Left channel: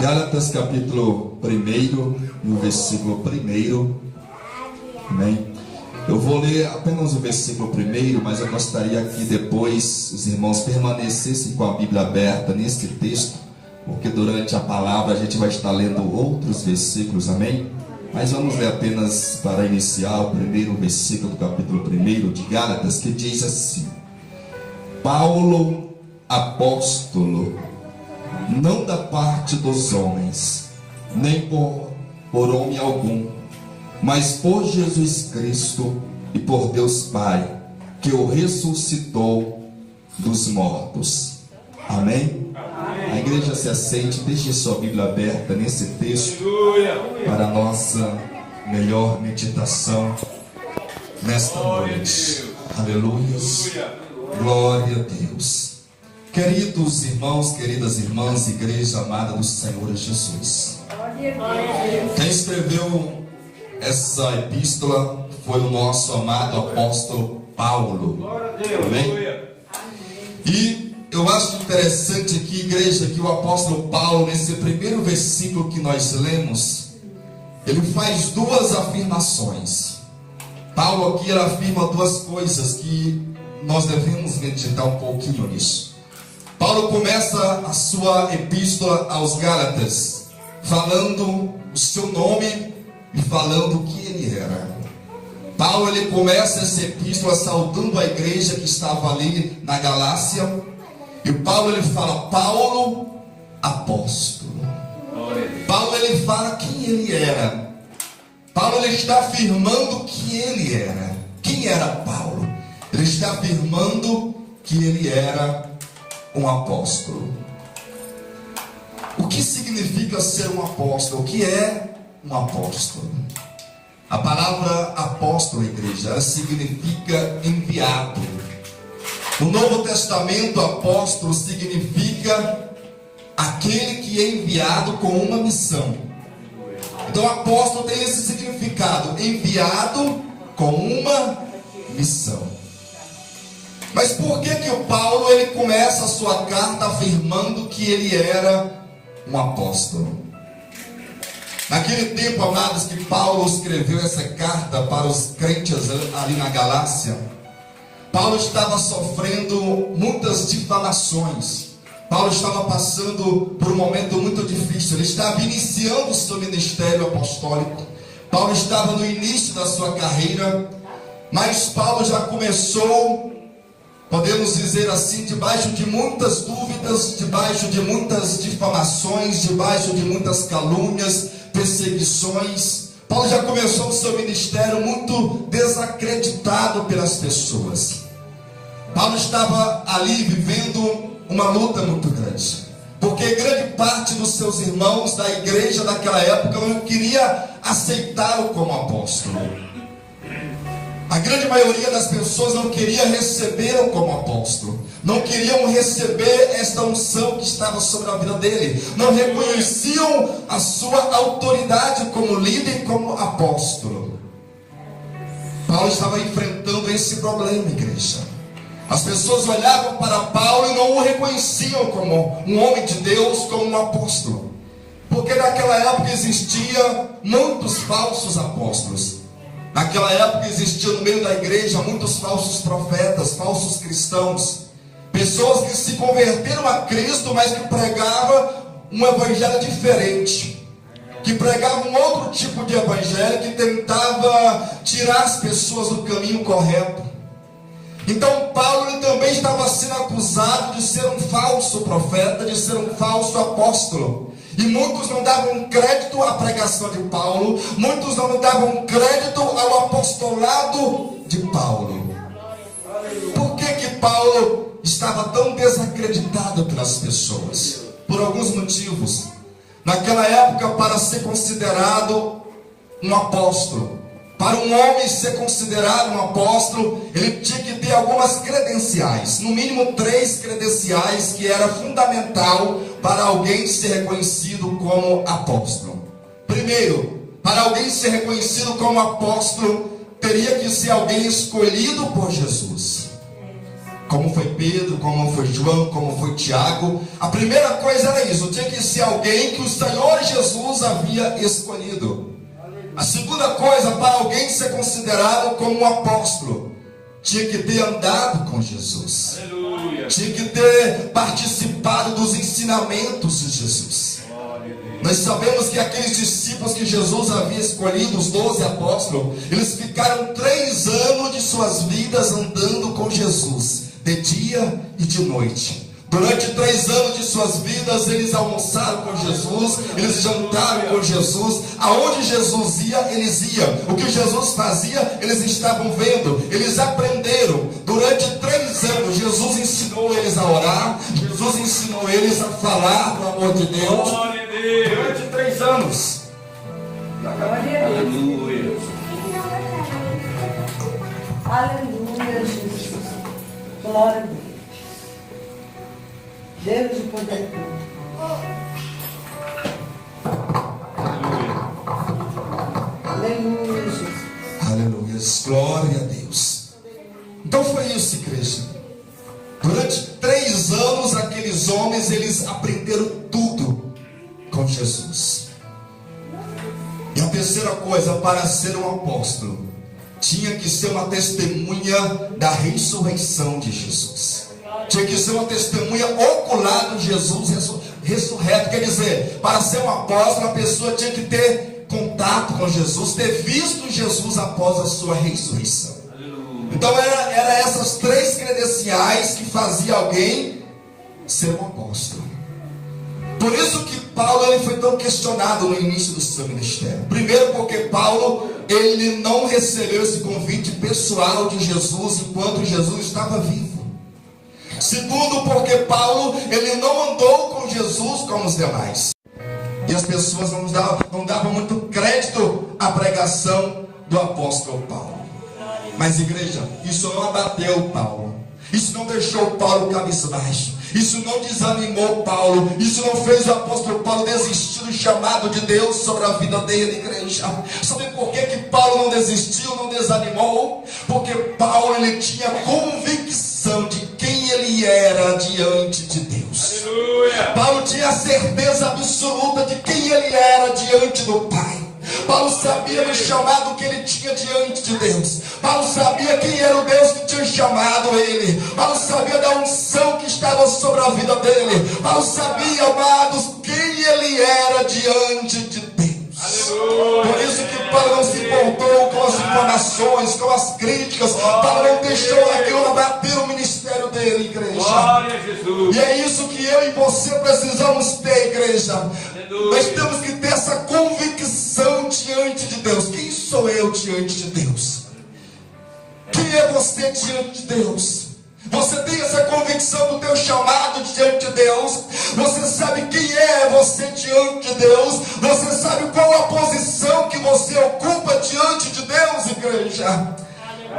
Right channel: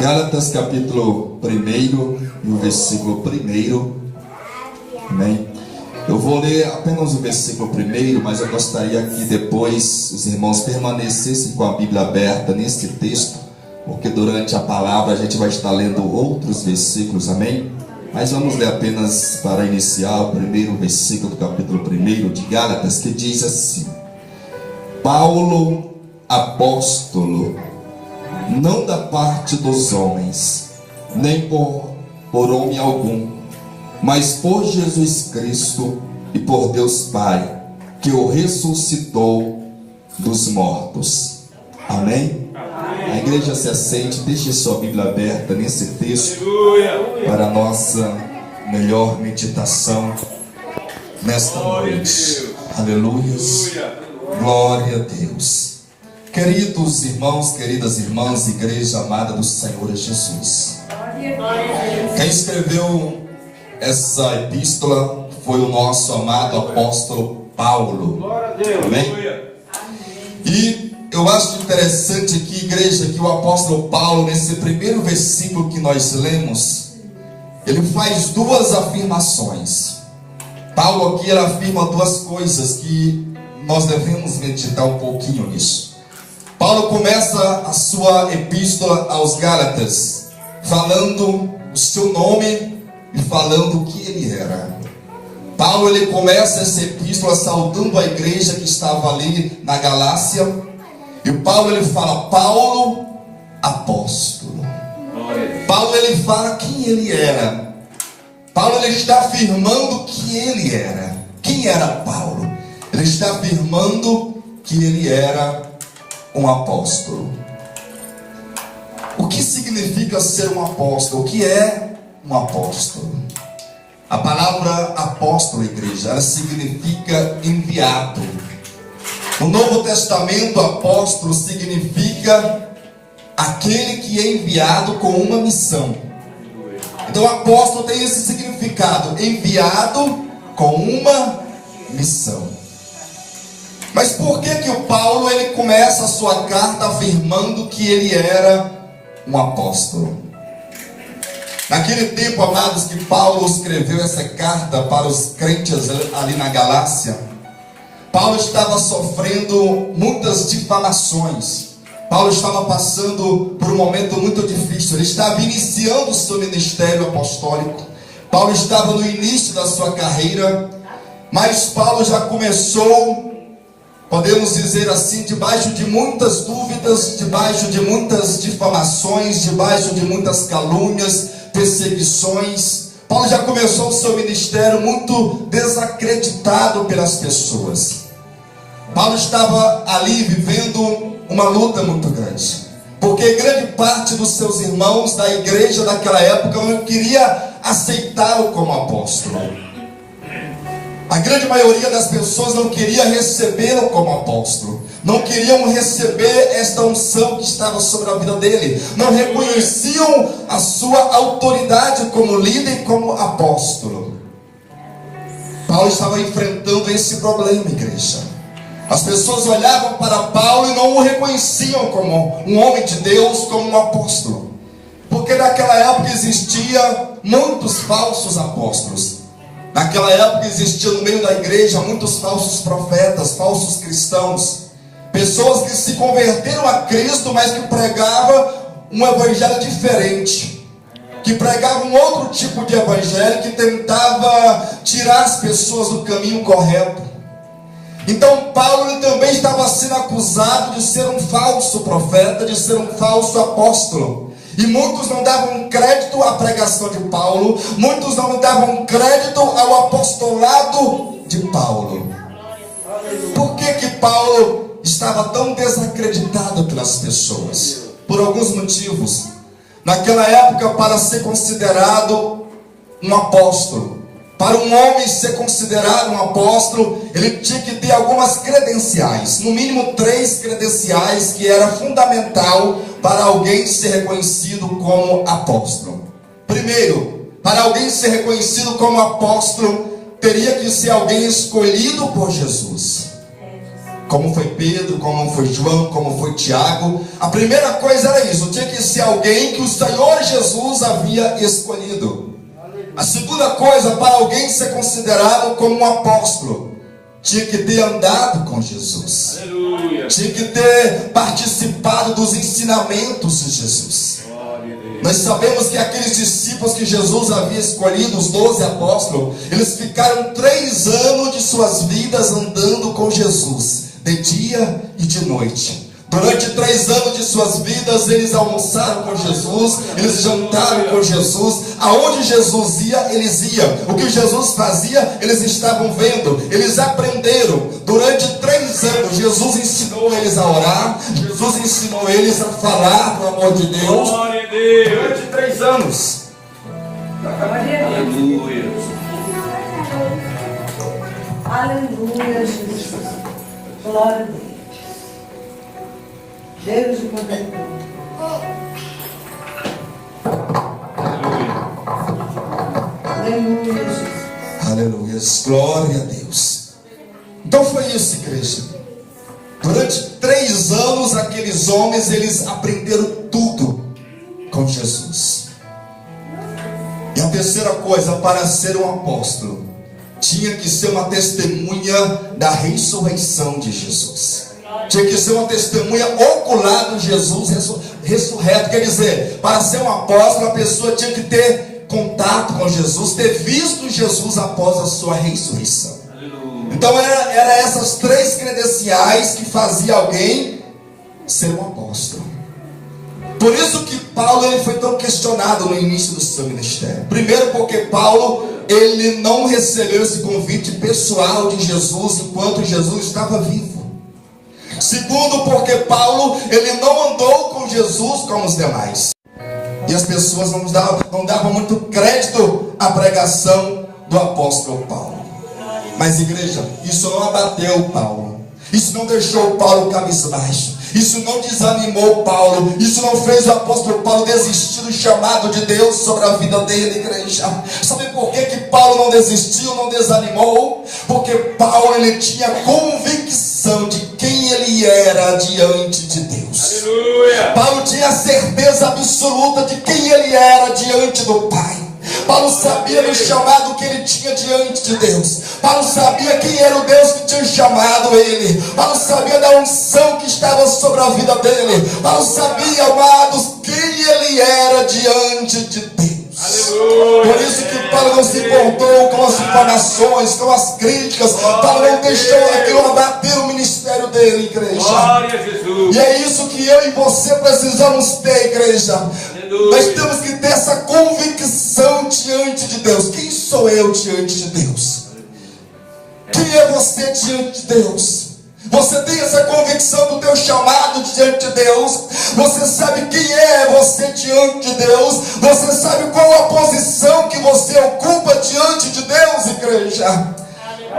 Gálatas capítulo 1, no versículo 1. Amém? Eu vou ler apenas o versículo 1, mas eu gostaria que depois os irmãos permanecessem com a Bíblia aberta nesse texto, porque durante a palavra a gente vai estar lendo outros versículos, amém? Mas vamos ler apenas para iniciar o primeiro versículo do capítulo 1 de Gálatas, que diz assim: Paulo, apóstolo, não da parte dos homens, nem por homem algum, mas por Jesus Cristo e por Deus Pai, que o ressuscitou dos mortos. Amém? A igreja se assente, deixe sua Bíblia aberta nesse texto para a nossa melhor meditação nesta noite. Aleluia. Glória a Deus. Queridos irmãos, queridas irmãs, igreja amada do Senhor Jesus, quem escreveu essa epístola foi o nosso amado apóstolo Paulo. Amém? E eu acho interessante aqui, igreja, que o apóstolo Paulo, nesse primeiro versículo que nós lemos, ele faz duas afirmações. Paulo aqui ele afirma duas coisas que nós devemos meditar um pouquinho nisso. Paulo começa a sua epístola aos Gálatas falando o seu nome e falando o que ele era. Paulo ele começa essa epístola saudando a igreja que estava ali na Galácia. E Paulo ele fala: Paulo, apóstolo. Paulo ele fala quem ele era. Paulo ele está afirmando que ele era. Quem era Paulo? Ele está afirmando que ele era um apóstolo. O que significa ser um apóstolo? O que é um apóstolo? A palavra apóstolo, igreja, ela significa enviado. No Novo Testamento, apóstolo significa aquele que é enviado com uma missão. Então, apóstolo tem esse significado, enviado com uma missão. Mas por que o Paulo ele começa a sua carta afirmando que ele era um apóstolo? Naquele tempo, amados, que Paulo escreveu essa carta para os crentes ali na Galácia, Paulo estava sofrendo muitas difamações. Paulo estava passando por um momento muito difícil. Ele estava iniciando o seu ministério apostólico. Paulo estava no início da sua carreira, mas Paulo já começou, podemos dizer assim, debaixo de muitas dúvidas, debaixo de muitas difamações, debaixo de muitas calúnias, perseguições. Paulo já começou o seu ministério muito desacreditado pelas pessoas. Paulo estava ali vivendo uma luta muito grande, porque grande parte dos seus irmãos da igreja daquela época não queria aceitá-lo como apóstolo. A grande maioria das pessoas não queria recebê-lo como apóstolo, não queriam receber esta unção que estava sobre a vida dele, não reconheciam a sua autoridade como líder e como apóstolo. Paulo estava enfrentando esse problema, igreja. As pessoas olhavam para Paulo e não o reconheciam como um homem de Deus, como um apóstolo, porque naquela época existia muitos falsos apóstolos. Naquela época existia no meio da igreja muitos falsos profetas, falsos cristãos, pessoas que se converteram a Cristo, mas que pregavam um evangelho diferente, que pregavam um outro tipo de evangelho que tentava tirar as pessoas do caminho correto. Então Paulo ele também estava sendo acusado de ser um falso profeta, de ser um falso apóstolo. E muitos não davam crédito à pregação de Paulo, muitos não davam crédito ao apostolado de Paulo. Por que Paulo estava tão desacreditado pelas pessoas? Por alguns motivos. Naquela época, para ser considerado um apóstolo, para um homem ser considerado um apóstolo, ele tinha que ter algumas credenciais, no mínimo 3 credenciais, que era fundamental para alguém ser reconhecido como apóstolo. Primeiro, para alguém ser reconhecido como apóstolo, teria que ser alguém escolhido por Jesus. como foi Pedro, como foi João, como foi Tiago. A primeira coisa era isso: tinha que ser alguém que o Senhor Jesus havia escolhido. A segunda coisa, para alguém ser considerado como um apóstolo, tinha que ter andado com Jesus. Aleluia. Tinha que ter participado dos ensinamentos de Jesus. Nós sabemos que aqueles discípulos que Jesus havia escolhido, os 12 apóstolos, eles ficaram 3 anos de suas vidas andando com Jesus, de dia e de noite. Durante 3 anos de suas vidas, eles almoçaram com Jesus, eles jantaram com Jesus. Aonde Jesus ia, eles iam. O que Jesus fazia, eles estavam vendo. Eles aprenderam. Durante 3 anos, Jesus ensinou eles a orar. Jesus ensinou eles a falar do amor de Deus. Durante 3 anos. Aleluia. Aleluia, Jesus. Glória a Deus. Deus de poder. Aleluia, Jesus. Aleluia, glória a Deus. Então foi isso, igreja. Durante 3 anos, aqueles homens, eles aprenderam tudo com Jesus. E a terceira coisa, para ser um apóstolo, tinha que ser uma testemunha da ressurreição de Jesus. Tinha que ser uma testemunha ocular de Jesus ressurreto. Quer dizer, para ser um apóstolo, a pessoa tinha que ter contato com Jesus, ter visto Jesus após a sua ressurreição. Então era essas 3 credenciais que fazia alguém ser um apóstolo. Por isso que Paulo, ele foi tão questionado no início do seu ministério. Primeiro porque Paulo, ele não recebeu esse convite pessoal de Jesus enquanto Jesus estava vivo. Segundo, porque Paulo, ele não andou com Jesus como os demais. E as pessoas não davam muito crédito à pregação do apóstolo Paulo. Mas, igreja, isso não abateu Paulo. Isso não deixou Paulo cabisbaixo. Isso não desanimou Paulo. Isso não fez o apóstolo Paulo desistir do chamado de Deus sobre a vida dele, igreja. Sabe por que Paulo não desistiu, não desanimou? Porque Paulo, ele tinha convicção de quem ele era diante de Deus. Aleluia. Paulo tinha certeza absoluta de quem ele era diante do Pai. Paulo sabia do chamado que ele tinha diante de Deus. Paulo sabia quem era o Deus que tinha chamado ele. Paulo sabia da unção que estava sobre a vida dele. Paulo sabia, amados, quem ele era diante de Deus. Aleluia. Por isso que Paulo não se importou com as informações, com as críticas. Paulo não deixou aquilo abater o ministério dele, igreja. Glória a Jesus. E é isso que eu e você precisamos ter, igreja. Nós temos que ter essa convicção diante de Deus. Quem sou eu diante de Deus? Quem é você diante de Deus? Você tem essa convicção do teu chamado diante de Deus? Você sabe quem é você diante de Deus? Você sabe qual a posição que você ocupa diante de Deus, igreja?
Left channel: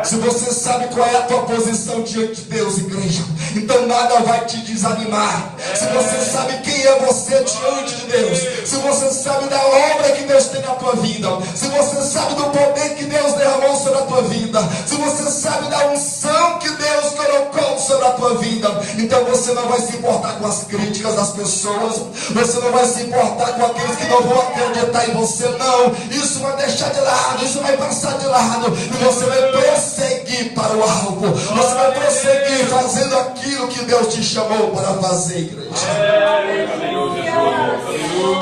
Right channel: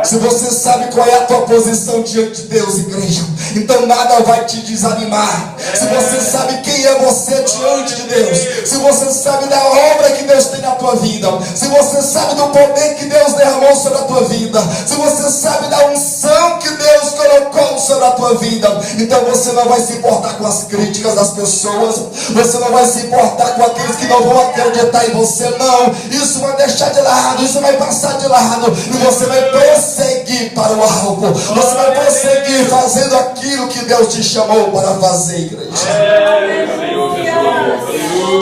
Se você sabe qual é a tua posição diante de Deus, igreja, então nada vai te desanimar. Se você sabe quem é você diante de Deus, se você sabe da obra que Deus tem na tua vida, se você sabe do poder que Deus derramou sobre a tua vida, se você sabe da unção que Deus colocou sobre a tua vida, então você não vai se importar com as críticas das pessoas, você não vai se importar com aqueles que não vão acreditar em você, não. Isso vai deixar de lado, isso vai passar de lado, e você vai prosseguir para o alvo. Você vai prosseguir fazendo aquilo que Deus te chamou para fazer, igreja.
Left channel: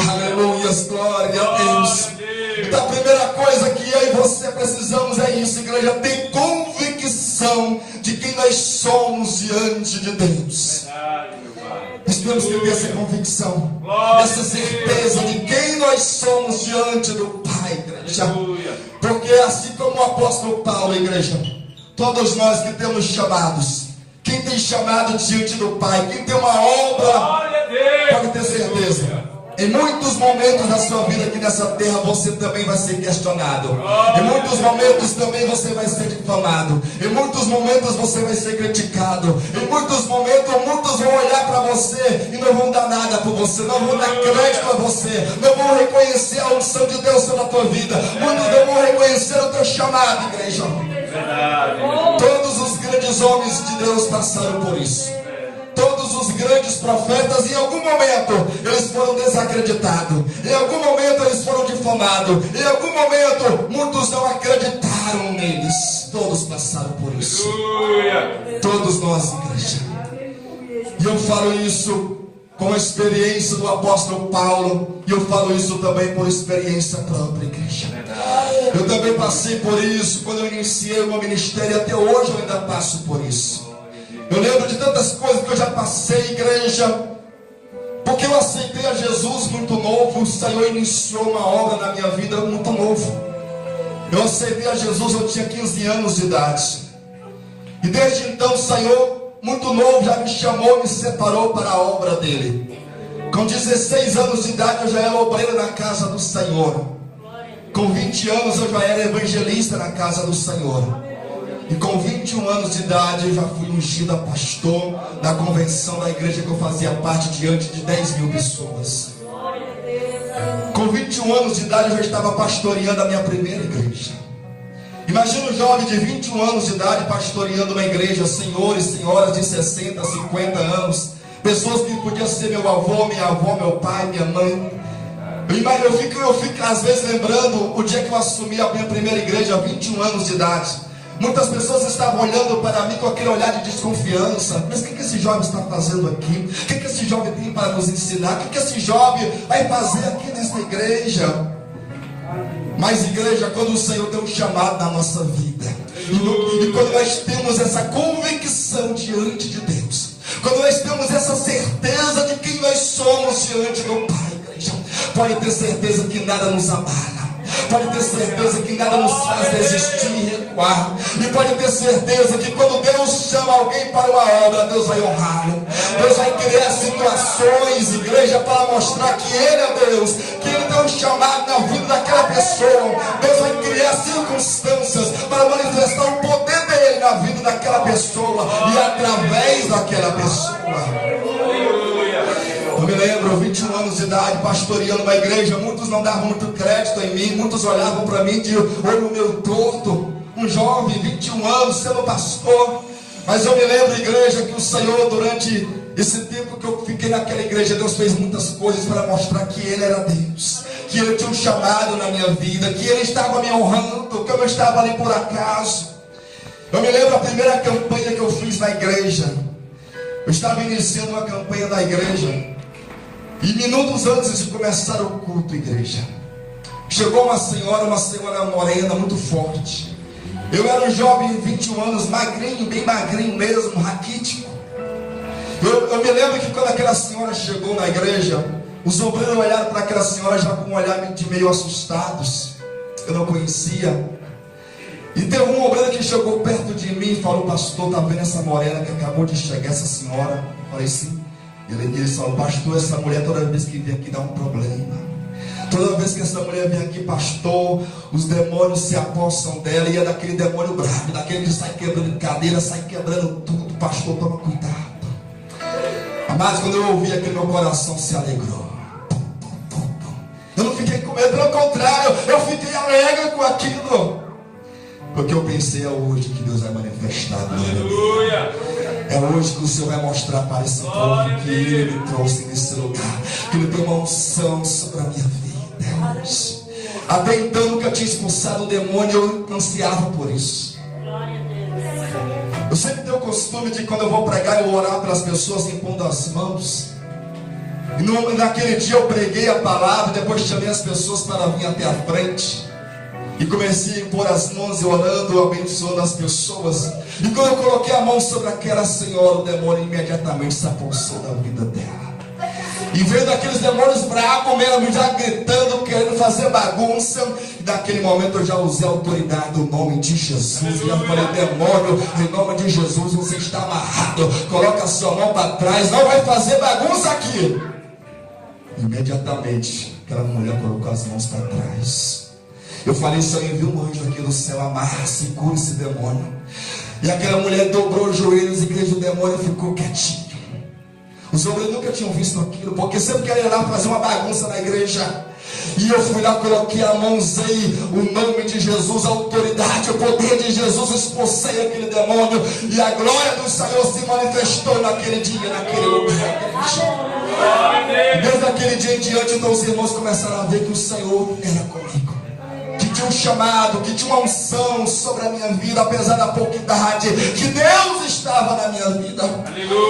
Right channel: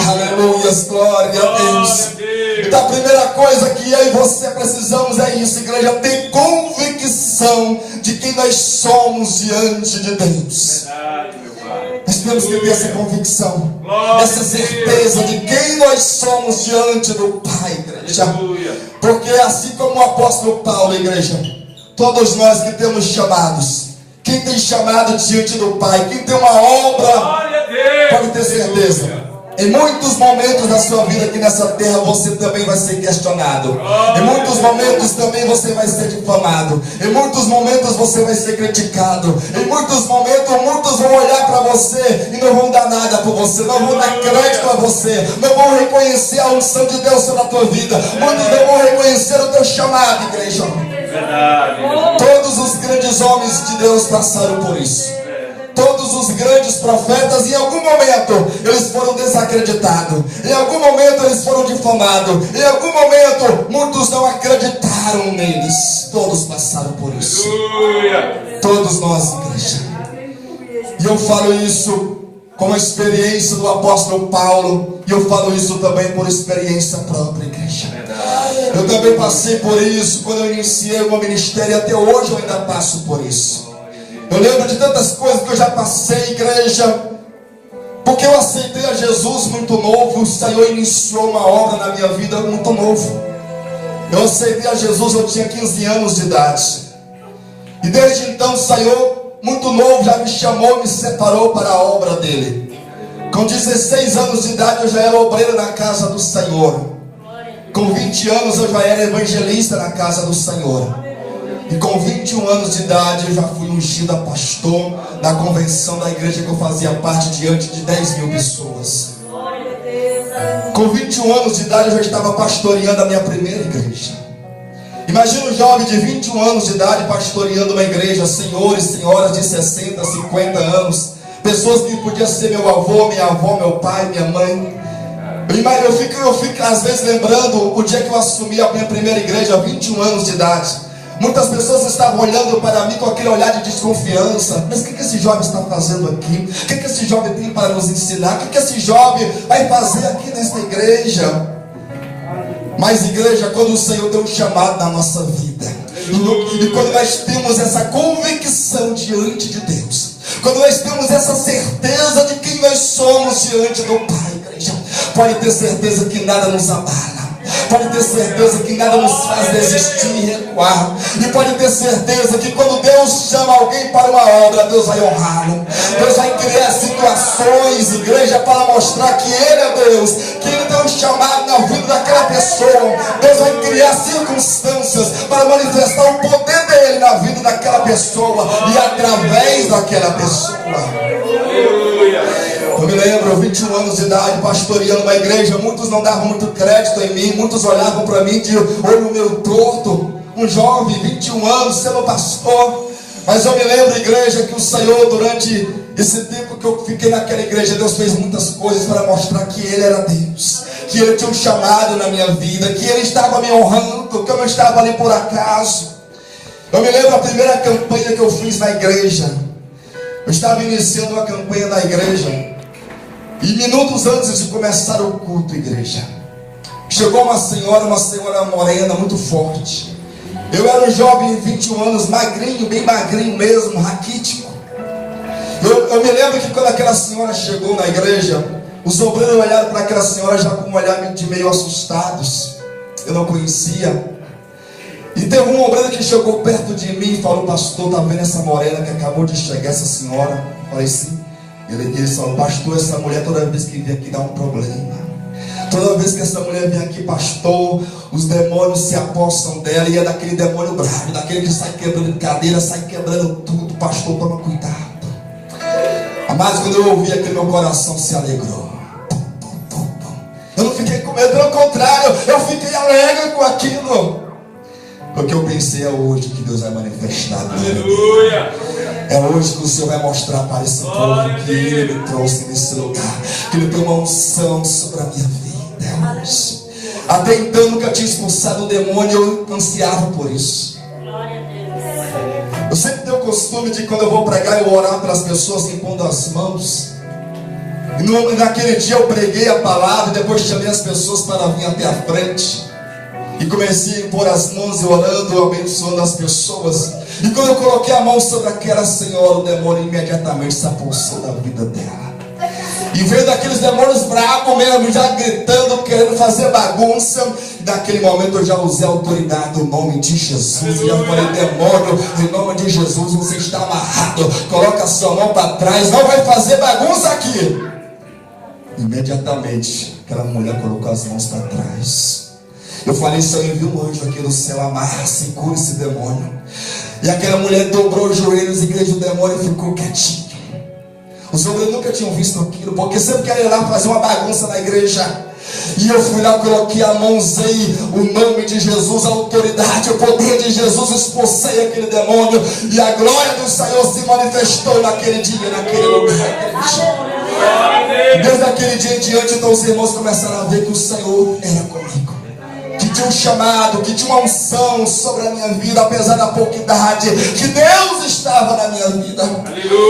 Aleluia, glória a Deus. Então a primeira coisa que eu e você precisamos é isso, igreja, ter convicção de quem nós somos diante de Deus. Nós temos que ter essa convicção, essa certeza de quem nós somos diante do Pai, igreja. Porque assim como o apóstolo Paulo, igreja, todos nós que temos chamados, quem tem chamado diante do Pai, quem tem uma obra, pode ter certeza, em muitos momentos da sua vida aqui nessa terra, você também vai ser questionado. Em muitos momentos também você vai ser difamado. Em muitos momentos você vai ser criticado. Em muitos momentos, muitos vão olhar para você e não vão dar nada por você. Não vão dar crédito a você. Não vão reconhecer a unção de Deus sobre a tua vida. Muitos não vão reconhecer o teu chamado, igreja. Todos os grandes homens de Deus passaram por isso. Todos os grandes profetas, em algum momento, eles foram desacreditados. Em algum momento, eles foram difamados. Em algum momento, muitos não acreditaram neles. Todos passaram por isso. Todos nós, igreja. E eu falo isso com a experiência do apóstolo Paulo. E eu falo isso também por experiência própria, igreja. Eu também passei por isso quando eu iniciei o meu ministério. Até hoje eu ainda passo por isso. Eu lembro de tantas coisas que eu já passei, igreja, porque eu aceitei a Jesus muito novo. O Senhor iniciou uma obra na minha vida muito novo. Eu aceitei a Jesus, eu tinha 15 anos de idade. E desde então o Senhor, muito novo, já me chamou, me separou para a obra dele. Com 16 anos de idade eu já era obreiro na casa do Senhor. Com 20 anos eu já era evangelista na casa do Senhor. E com 21 anos de idade eu já fui ungido a pastor da convenção da igreja que eu fazia parte, diante de 10 mil pessoas. Com 21 anos de idade eu já estava pastoreando a minha primeira igreja. Imagina um jovem de 21 anos de idade pastoreando uma igreja, senhores, senhoras de 60, 50 anos, pessoas que podiam ser meu avô, minha avó, meu pai, minha mãe. Eu fico às vezes lembrando o dia que eu assumi a minha primeira igreja, 21 anos de idade. Muitas pessoas estavam olhando para mim com aquele olhar de desconfiança. Mas o que esse jovem está fazendo aqui? O que esse jovem tem para nos ensinar? O que esse jovem vai fazer aqui nesta igreja? Mas igreja, quando o Senhor tem um chamado na nossa vida, e quando nós temos essa convicção diante de Deus, quando nós temos essa certeza de quem nós somos diante do Pai, igreja, pode ter certeza que nada nos abala. Pode ter certeza que nada nos faz desistir e recuar. E pode ter certeza que quando Deus chama alguém para uma obra, Deus vai honrá-lo. Deus vai criar situações, igreja, para mostrar que Ele é Deus, que Ele tem um chamado na vida daquela pessoa. Deus vai criar circunstâncias para manifestar o poder dEle na vida daquela pessoa e através daquela pessoa. Eu me lembro, 21 anos de idade, pastoreando uma igreja. Muitos não davam muito crédito em mim. Muitos olhavam para mim de olho meio torto. Um jovem, 21 anos, sendo pastor. Mas eu me lembro, igreja, que o Senhor, durante esse tempo que eu fiquei naquela igreja, Deus fez muitas coisas para mostrar que Ele era Deus, que Ele tinha um chamado na minha vida, que Ele estava me honrando, que eu não estava ali por acaso. Eu me lembro a primeira campanha que eu fiz na igreja. Eu estava iniciando uma campanha na igreja. E minutos antes de começar o culto, igreja, chegou uma senhora morena, muito forte. Eu era um jovem, 21 anos, magrinho, bem magrinho mesmo, raquítico. Eu me lembro que quando aquela senhora chegou na igreja, os obreiros olharam para aquela senhora já com um olhar de meio assustados. Eu não conhecia. E teve um obreiro que chegou perto de mim e falou: pastor, tá vendo essa morena que acabou de chegar, essa senhora? Eu falei: sim. Ele falou: pastor, essa mulher toda vez que vem aqui dá um problema. Toda vez que essa mulher vem aqui, pastor, os demônios se apossam dela. E é daquele demônio bravo, daquele que sai quebrando cadeira, sai quebrando tudo. Pastor, toma cuidado. Mas quando eu ouvi aquilo, meu coração se alegrou. Eu não fiquei com medo, pelo contrário, eu fiquei alegre com aquilo. Porque eu pensei: é hoje que Deus vai manifestar. Aleluia! É hoje que o Senhor vai mostrar para esse povo que Ele me trouxe nesse lugar, que Ele tem uma unção sobre a minha vida. Até então nunca tinha expulsado o demônio, eu ansiava por isso. Eu sempre tenho o costume de, quando eu vou pregar, eu orar pelas pessoas impondo as mãos. E naquele dia eu preguei a palavra, depois chamei as pessoas para vir até a frente. E comecei a impor as mãos e orando, abençoando as pessoas. E quando eu coloquei a mão sobre aquela senhora, o demônio imediatamente se apossou da vida dela. E veio daqueles demônios bravos mesmo, já gritando, querendo fazer bagunça. E naquele momento eu já usei a autoridade, o nome de Jesus. E já falei: demônio, em nome de Jesus, você está amarrado. Coloca a sua mão para trás, não vai fazer bagunça aqui. Imediatamente aquela mulher colocou as mãos para trás. Eu falei: Senhor, envia um anjo aqui do céu, amarra, segura esse demônio. E aquela mulher dobrou os joelhos, igreja, o demônio ficou quietinho. Os obreiros nunca tinham visto aquilo, porque sempre queriam ir lá fazer uma bagunça na igreja. E eu fui lá, coloquei a mão, usei o nome de Jesus, a autoridade, o poder de Jesus, expulsei aquele demônio. E a glória do Senhor se manifestou naquele dia, naquele lugar. Desde aquele dia em diante, então os irmãos começaram a ver que o Senhor era comigo, que tinha um chamado, que tinha uma unção sobre a minha vida, apesar da pouca idade, que Deus estava na minha vida.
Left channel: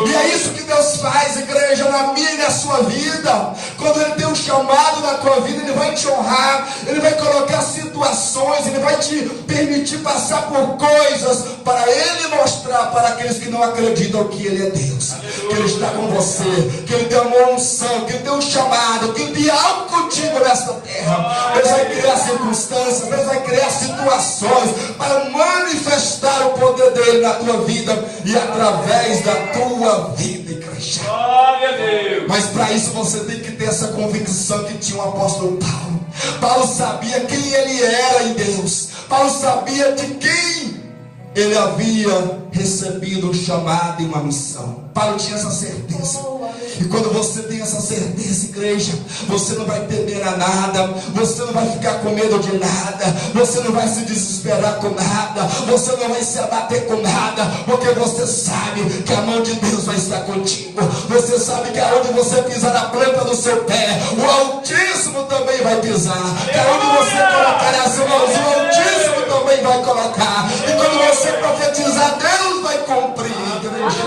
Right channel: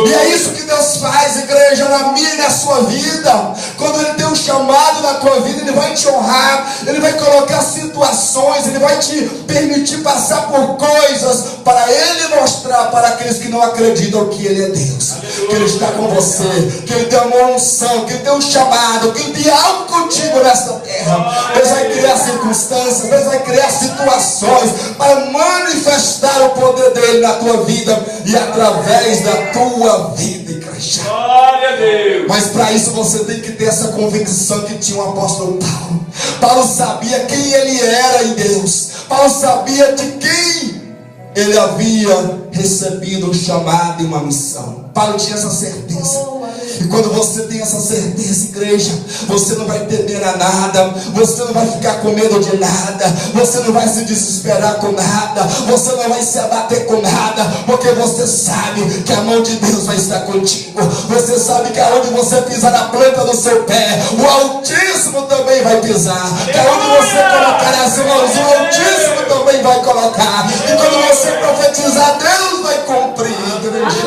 E é isso que Deus faz, igreja, na minha e na sua vida. Quando Ele tem um chamado na tua vida, Ele vai te honrar, Ele vai colocar situações, Ele vai te permitir passar por coisas, para Ele mostrar para aqueles que não acreditam que Ele é Deus, que Ele está com você, que Ele tem uma unção, que Ele tem um chamado, que Ele tem algo contigo nesta terra. Deus vai criar circunstâncias, Deus vai criar situações para manifestar o poder dele na tua vida e através da tua vida, igreja. Glória a Deus. Mas para isso você tem que ter essa convicção que tinha o apóstolo Paulo. Paulo sabia quem ele era em Deus. Paulo sabia de quem ele havia recebido um chamado e uma missão. Paulo tinha essa certeza. E quando você tem essa certeza, igreja, você não vai temer a nada, você não vai ficar com medo de nada, você não vai se desesperar com nada, você não vai se abater com nada, porque você sabe que a mão de Deus vai estar contigo. Você sabe que aonde você pisar na planta do seu pé, o Altíssimo também vai pisar. Que aonde você colocar as mãos, o Altíssimo também vai colocar. E quando você profetizar, Deus vai cumprir, igreja.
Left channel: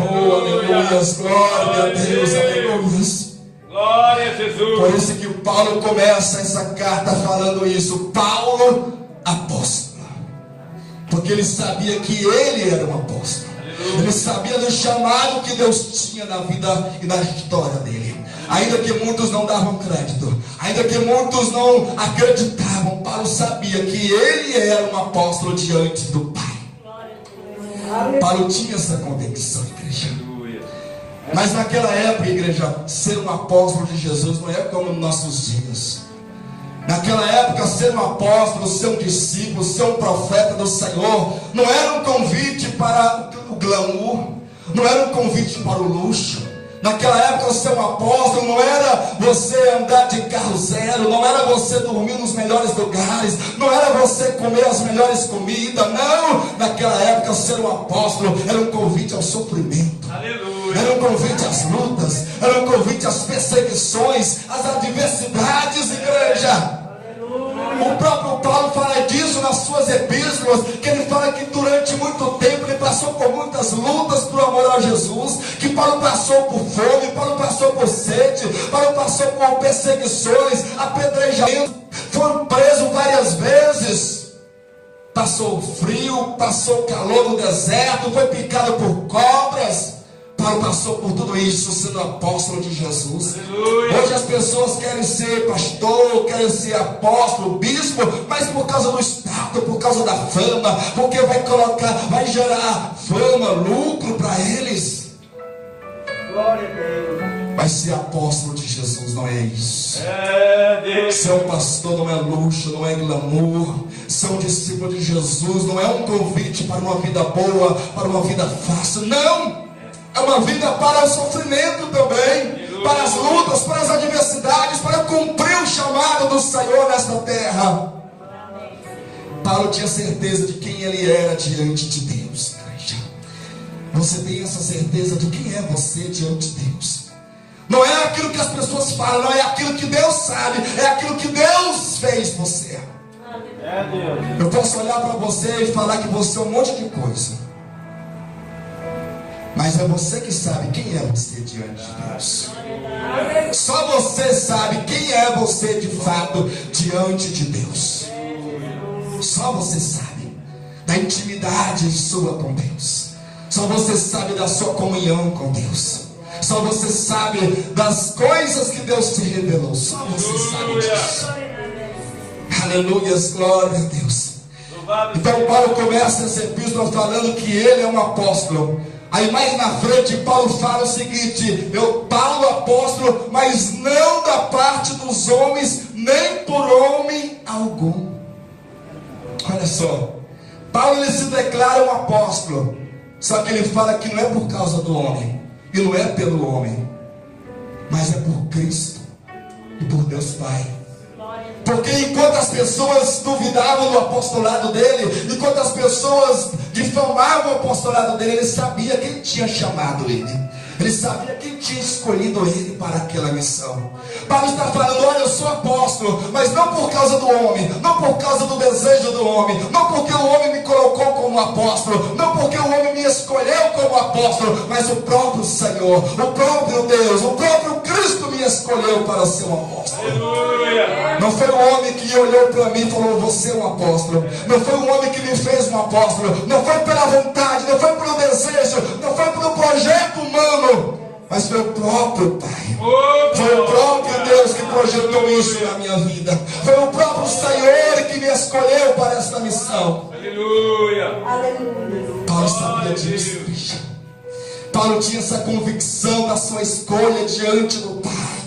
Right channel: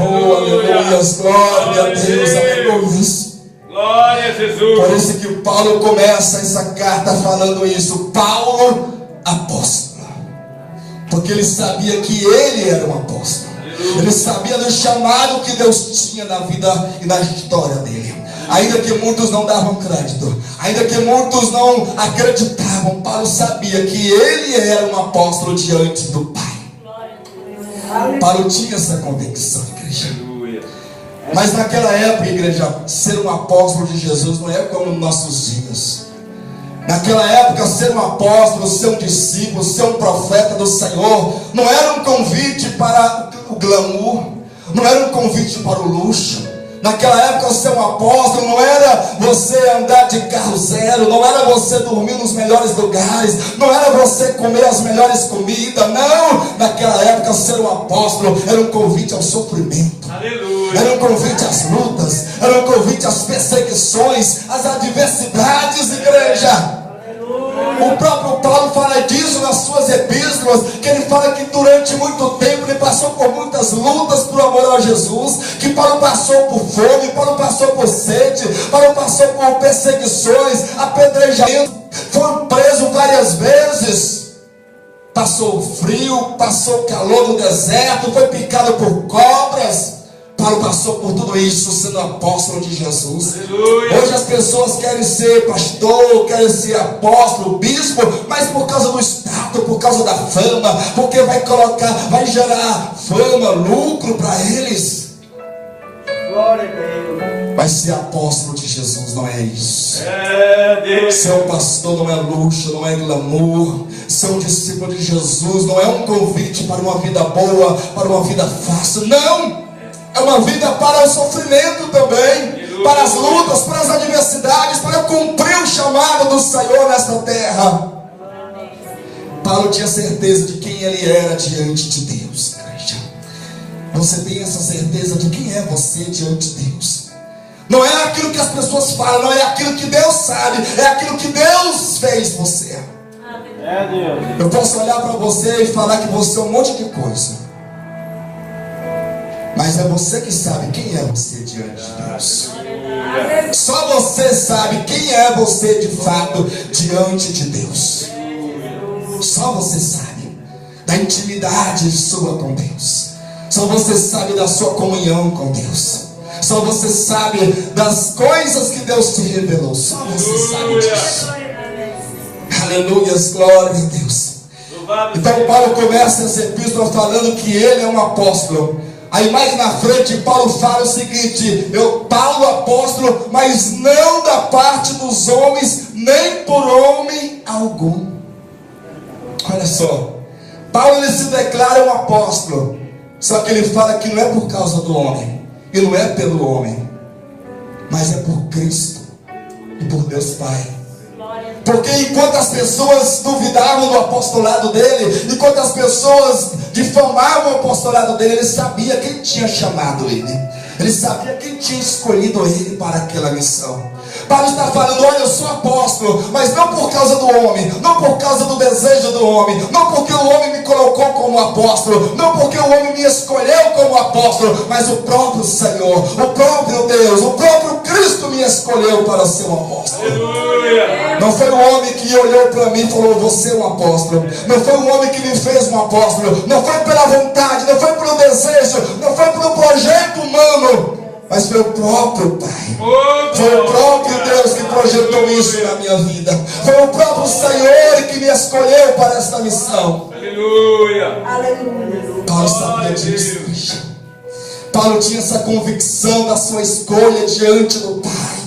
Oh, aleluia, glória a Deus, aleluia. Glória a Jesus. Por isso que Paulo começa essa carta falando isso. Paulo, apóstolo. Porque ele sabia que ele era um apóstolo. Ele sabia do chamado que Deus tinha na vida e na história dele. Ainda que muitos não davam crédito, ainda que muitos não acreditavam, Paulo sabia que ele era um apóstolo diante do Pai. Paulo tinha essa convicção, igreja. Mas naquela época, igreja, ser um apóstolo de Jesus não é como nos nossos dias. Naquela época, ser um apóstolo, ser um discípulo, ser um profeta do Senhor, não era um convite para o glamour, não era um convite para o luxo. Naquela época, ser um apóstolo não era você andar de carro zero, não era você dormir nos melhores lugares, não era você comer as melhores comidas, não. Naquela época, ser um apóstolo era um convite ao sofrimento. Aleluia. Era um convite às lutas, era um convite às perseguições, às adversidades, igreja. O próprio Paulo fala disso nas suas epístolas, que ele fala que durante muito tempo ele passou por muitas lutas por amor a Jesus, que Paulo passou por fome, Paulo passou por sede, Paulo passou por perseguições, apedrejamento, foi preso várias vezes, passou frio, passou calor no deserto, foi picado por cobras. Paulo passou por tudo isso sendo apóstolo de Jesus. Aleluia. Hoje as pessoas querem ser pastor, querem ser apóstolo, bispo, mas por causa do status, por causa da fama, porque vai gerar fama, lucro para eles. Glória a Deus. Mas ser apóstolo de Jesus não é isso. É Deus. Ser um pastor não é luxo, não é glamour. Ser um discípulo de Jesus não é um convite para uma vida boa, para uma vida fácil. Não! É uma vida para o sofrimento também, para as lutas, para as adversidades, para cumprir o chamado do Senhor nesta terra. Paulo tinha certeza de quem ele era diante de Deus, igreja. Você tem essa certeza de quem é você diante de Deus? Não é aquilo que as pessoas falam, não é aquilo que Deus sabe, é aquilo que Deus fez você. É Deus. Eu posso olhar para você e falar que você é um monte de coisa, mas é você que sabe quem é você diante de Deus. Só você sabe quem é você de fato diante de Deus. Só você sabe da intimidade sua com Deus. Só você sabe da sua comunhão com Deus. Só você sabe das coisas que Deus te revelou. Só você sabe disso. Aleluia, glória a Deus. Então Paulo começa essa epístola falando que ele é um apóstolo. Aí mais na frente Paulo fala o seguinte: Paulo apóstolo, mas não da parte dos homens, nem por homem algum. Olha só, Paulo ele se declara um apóstolo, Só que ele fala que não é por causa do homem, e não é pelo homem, mas é por Cristo e por Deus Pai. Porque enquanto as pessoas duvidavam do apostolado dele, enquanto as pessoas difamavam o apostolado dele, ele sabia quem tinha chamado ele. Ele sabia quem tinha escolhido ele para aquela missão. Paulo está falando: olha, eu sou apóstolo, mas não por causa do homem, não por causa do desejo do homem, não porque o homem me colocou como apóstolo, não porque o homem me escolheu como apóstolo, mas o próprio Senhor, o próprio Deus, o próprio Cristo me escolheu para ser um apóstolo. Aleluia. Não foi o homem que olhou para mim e falou: você é um apóstolo. Não foi o homem que me fez um apóstolo. Não foi pela vontade, não foi pelo desejo, não foi pelo projeto humano, mas foi o próprio Pai. Foi o próprio Deus que projetou isso na minha vida. Foi o próprio Senhor que me escolheu para esta missão. Aleluia. Paulo sabia disso. Paulo tinha essa convicção da sua escolha diante do Pai.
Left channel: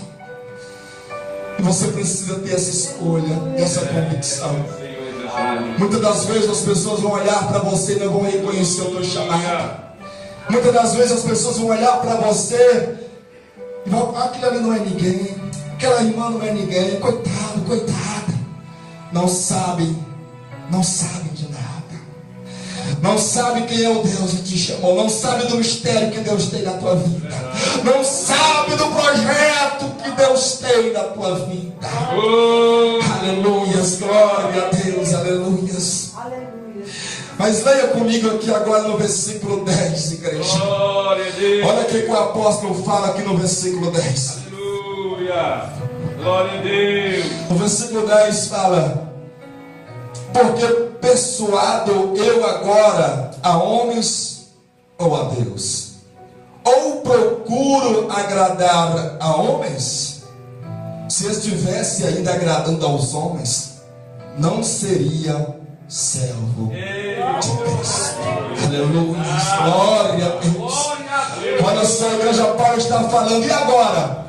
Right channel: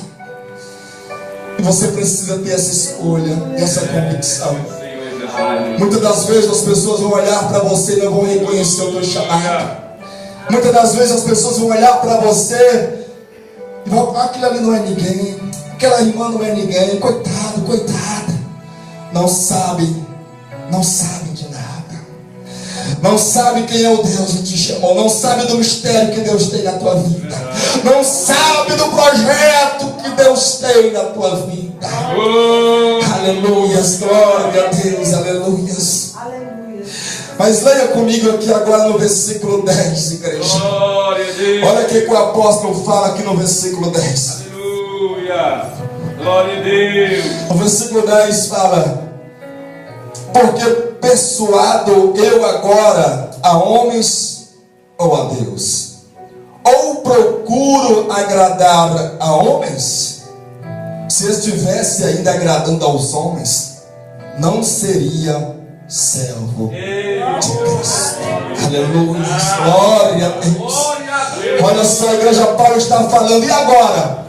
E você precisa ter essa escolha, essa convicção. Muitas das vezes as pessoas vão olhar para você e não vão reconhecer o teu chamado. Muitas das vezes as pessoas vão olhar para você e vão: aquilo ali não é ninguém, aquela irmã não é ninguém, coitado, coitada. Não sabe de nada. Não sabe quem é o Deus que te chamou. Não sabe do mistério que Deus tem na tua vida. Não sabe do projeto que Deus tem na tua vida. Aleluia, glória a Deus, aleluia. Mas leia comigo aqui agora no versículo 10, igreja. Glória a Deus. Olha o que o apóstolo fala aqui no versículo 10. Aleluia. Glória a Deus. O versículo 10 fala: porque persuado eu agora a homens ou a Deus? Ou procuro agradar a homens? Se eu estivesse ainda agradando aos homens, não seria servo de Cristo. Aleluia, glória a Deus. Olha só, a igreja, Paulo está falando: e agora?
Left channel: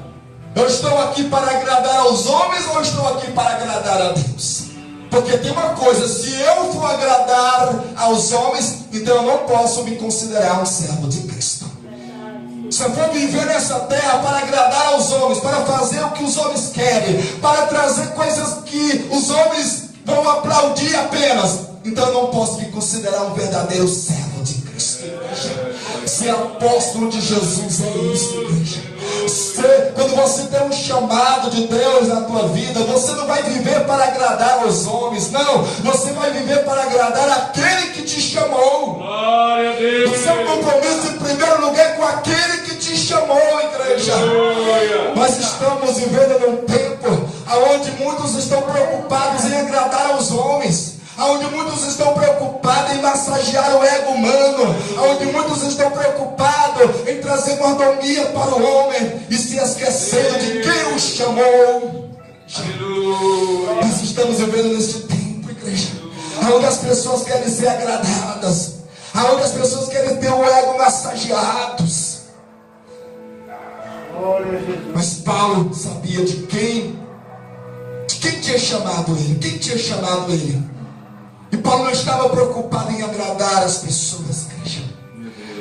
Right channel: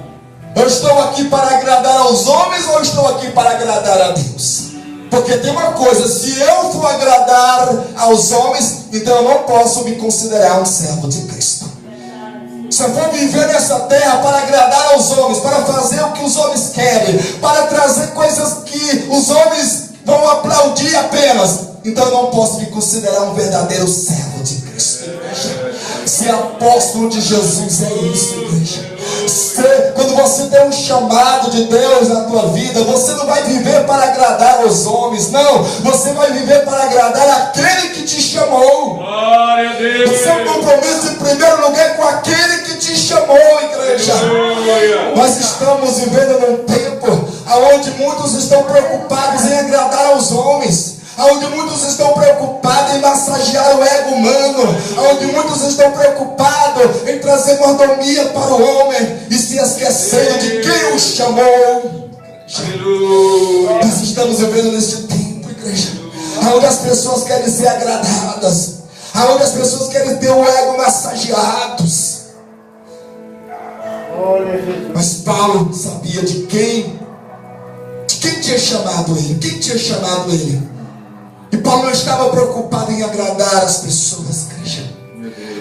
Eu estou aqui para agradar aos homens ou estou aqui para agradar a Deus? Porque tem uma coisa: se eu for agradar aos homens, então eu não posso me considerar um servo de Cristo. Se eu for viver nessa terra para agradar aos homens, para fazer o que os homens querem, para trazer coisas que os homens vão aplaudir apenas, então eu não posso me considerar um verdadeiro servo de Cristo, igreja. Ser apóstolo de Jesus é isso, igreja. Quando você tem um chamado de Deus na tua vida, você não vai viver para agradar os homens, não. Você vai viver para agradar aquele que te chamou. Glória a Deus. O seu compromisso em primeiro lugar é com aquele que te chamou, igreja. Aleluia. Nós estamos vivendo num tempo onde muitos estão preocupados em agradar aos homens, onde muitos estão preocupados em massagear o ego humano, onde muitos estão preocupados em trazer mordomia para o homem e se esquecendo de quem o chamou. Aleluia. Nós estamos vivendo nesse tempo, igreja, onde as pessoas querem ser agradadas, onde as pessoas querem ter o ego massageados. Mas Paulo sabia de quem tinha chamado ele, quem tinha chamado ele. E Paulo não estava preocupado em agradar as pessoas, igreja.